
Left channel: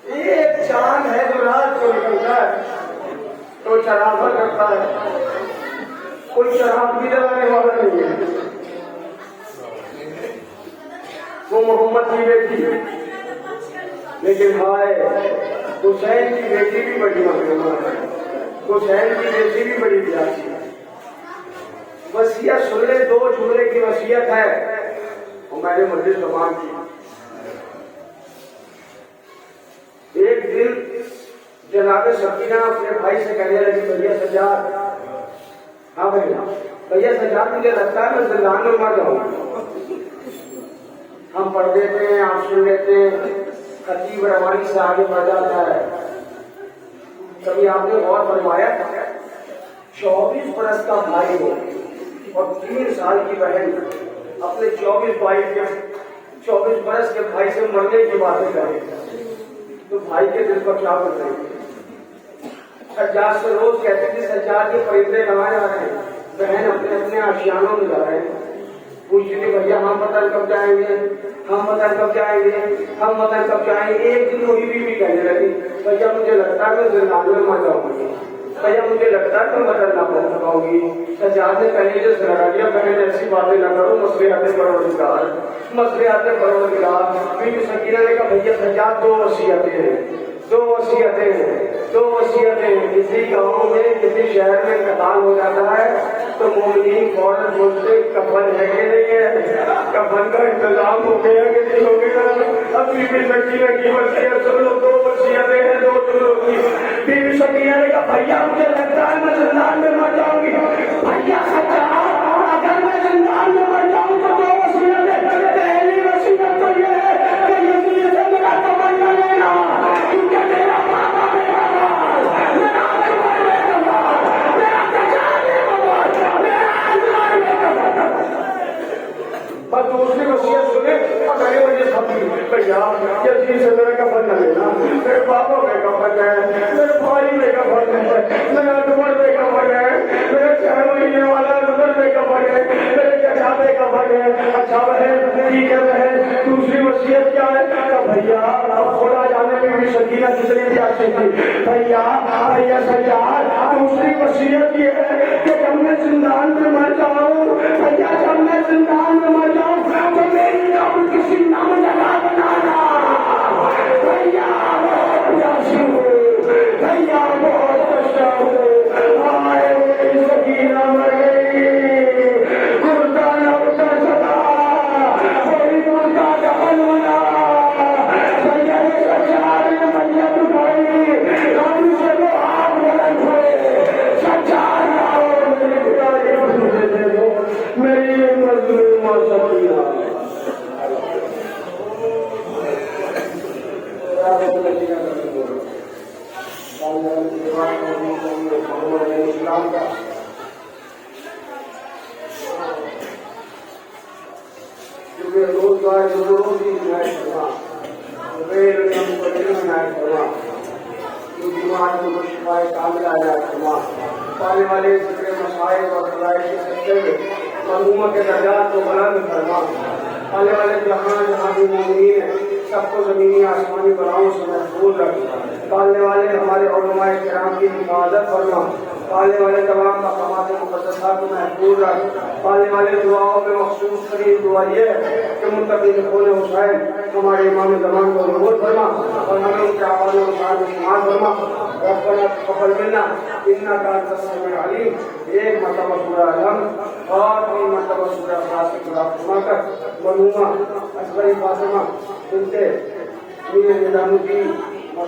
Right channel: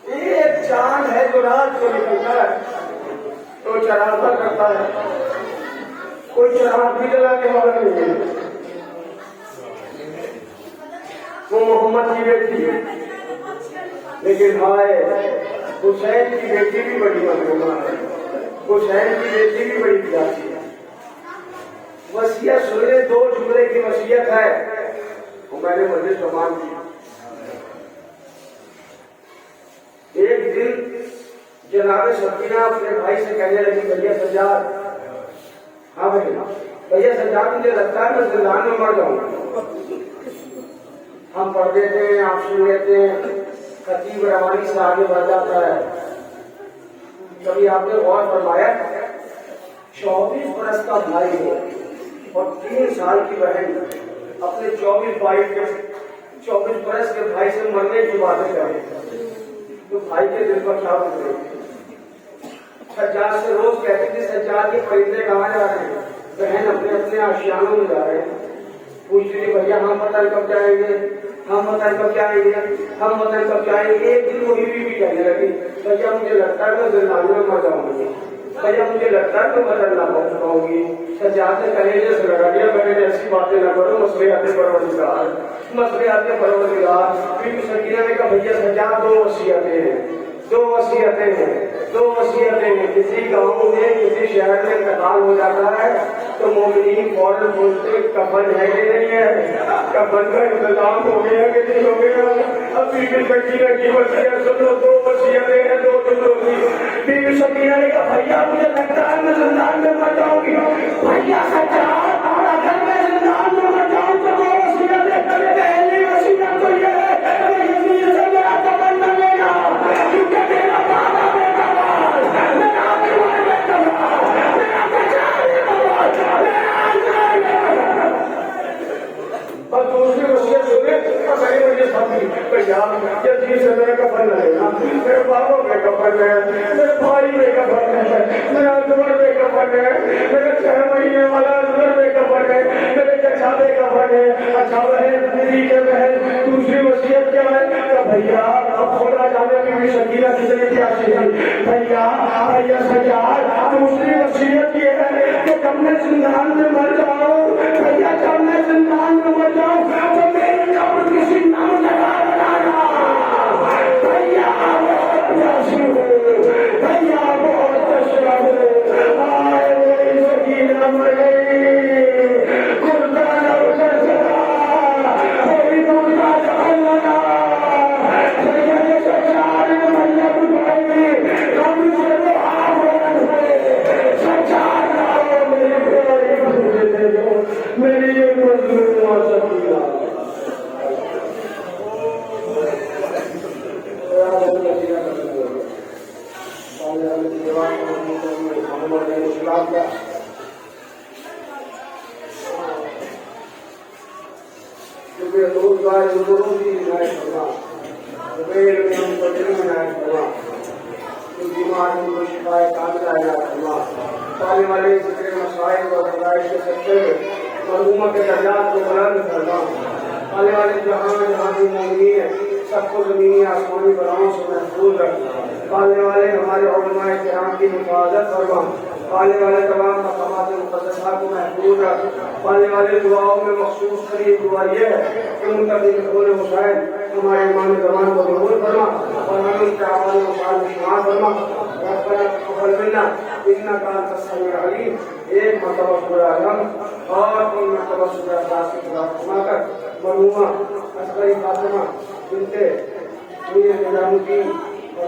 ایک چاند ہے جو رات کو نکلتا ہے تو چراغ کرتا ہے, کوئی چراغ بھی جلانے والا نہیں ہے. وہ محمد کی بیٹی ہے, لیکن ہائے حسین کی بیٹی بھی بڑی مظلومہ ہے, حسین کی بیٹی بھی بڑی پیاسی ہے. وصیت سن لے, 2 جملے کی وصیت ہے, وہ میں نے مجلس زبان کی. ایک دن جناب سکینہ اپنے بھائی سے کہنے لگی, بھیا سجاد, ہاں بھیا سجاد, مجھے لگتا ہے میں زندان میں مر جاؤں. ہم پڑھ دیتے ہیں, آپ سن لیتے ہیں, خطیب روانی سے آگے بڑھ جاتا ہے. کبھی آپ نے غور فرمایا 24 برس کا بھائی ہو اور 3 سال کی بہن اپنے 24 برس کے بھائی سے مرنے کی باتیں کرے تو بھائی کے دل پر کیا گزرے. سجاد سے روز کہتے تھے سجاد کے پرندے کہاں جا رہے ہیں, بہن اپنے آشیانوں میں جا رہے ہیں. پوچھتے تھے بھیا ہم وطن کب جائیں گے, ہم وطن کب جائیں گے, ہم وطن کب جائیں گے. ایک دن وہی بھی کہنے لگی, بھیا مجھے لگتا ہے میں زندان میں مر جاؤں گی, بھیا مجھے لگتا ہے میں وطن نہ پہنچ پاؤں گی. سجاد نے کہنے سے لگا دیا, بہن ایسی باتیں نہ کرو, مسئلے آتے پروردگار, مسئلے آتے پروردگار. پھر سکینہ نے کہا بھیا سجاد 2 وصیتیں ہیں, 2 وصیتیں ہیں, 2 وصیتیں ہیں. کسی گاؤں میں کسی شہر میں انتقال ہو جاتا ہے تو مومنین فوراً پوچھتے کفن ہے کہ نہیں ہے, کفن کا انتظام ہو گیا کہ نہیں ہو گیا. اب بی بی سکینہ کی وصیت سن لو, 2 وصیتیں ہیں 2 جملوں کی. بی بی سکینہ نے کہا بھیا مجھے لگتا ہے میں زندان میں مر جاؤں گی. بھیا سجاد, اگر میں زندان میں مر جاؤں تو 2 وصیتیں. پہلی وصیت تو یہ ہے کہ یزید سے میرا کفن نہ لینا, کیونکہ میرا بابا میرا بال, میرا اکبر میرا بال, میرا پچار میرا بال, میرا انار میرا بال. اور دوسری وصیت سنے اگر مجھے سمجھ بھیا یزید سے میرا کفن نہ لینا, میرے بابا میں کفن ہے, میرے بھائی میں کفن ہے, میرا اکبر میں کفن ہے, میرا 6 مہینے والا روزگار بزرگوں کی عنایت فرما، غیر ہم کو علم عنایت فرما، بیماروں کو شفا کاملہ عنایت فرما، پانے والے ذکر مسائل اور فرائض کے سلسلے میں معلوموں کے درجات کو بلند فرما، آنے والے جہان میں ہماری مومنین ہیں سب کو زمینی آسمانی بلاؤں سے محفوظ رکھ، پالنے والے ہمارے علماء کرام کی حفاظت فرما، پالنے والے تمام مقامات مقدسات کو محفوظ رکھ، پالنے والے دعاؤں میں مخصوص ترین دعا یہ ہے کہ منتقل قول حسین ہمارے ایمان زمان کو قبول فرما اور ہمیں اس اعمال و افعال میں شمار فرما، ربنا تقبل منا انک انت السمیع العلیم، ایک مرتبہ سورہ علم اور 3 مرتبہ سورہ اخلاص کی قرأت فرما کر مرحومہ اصغری فاطمہ بنت امیر نظام الدین اور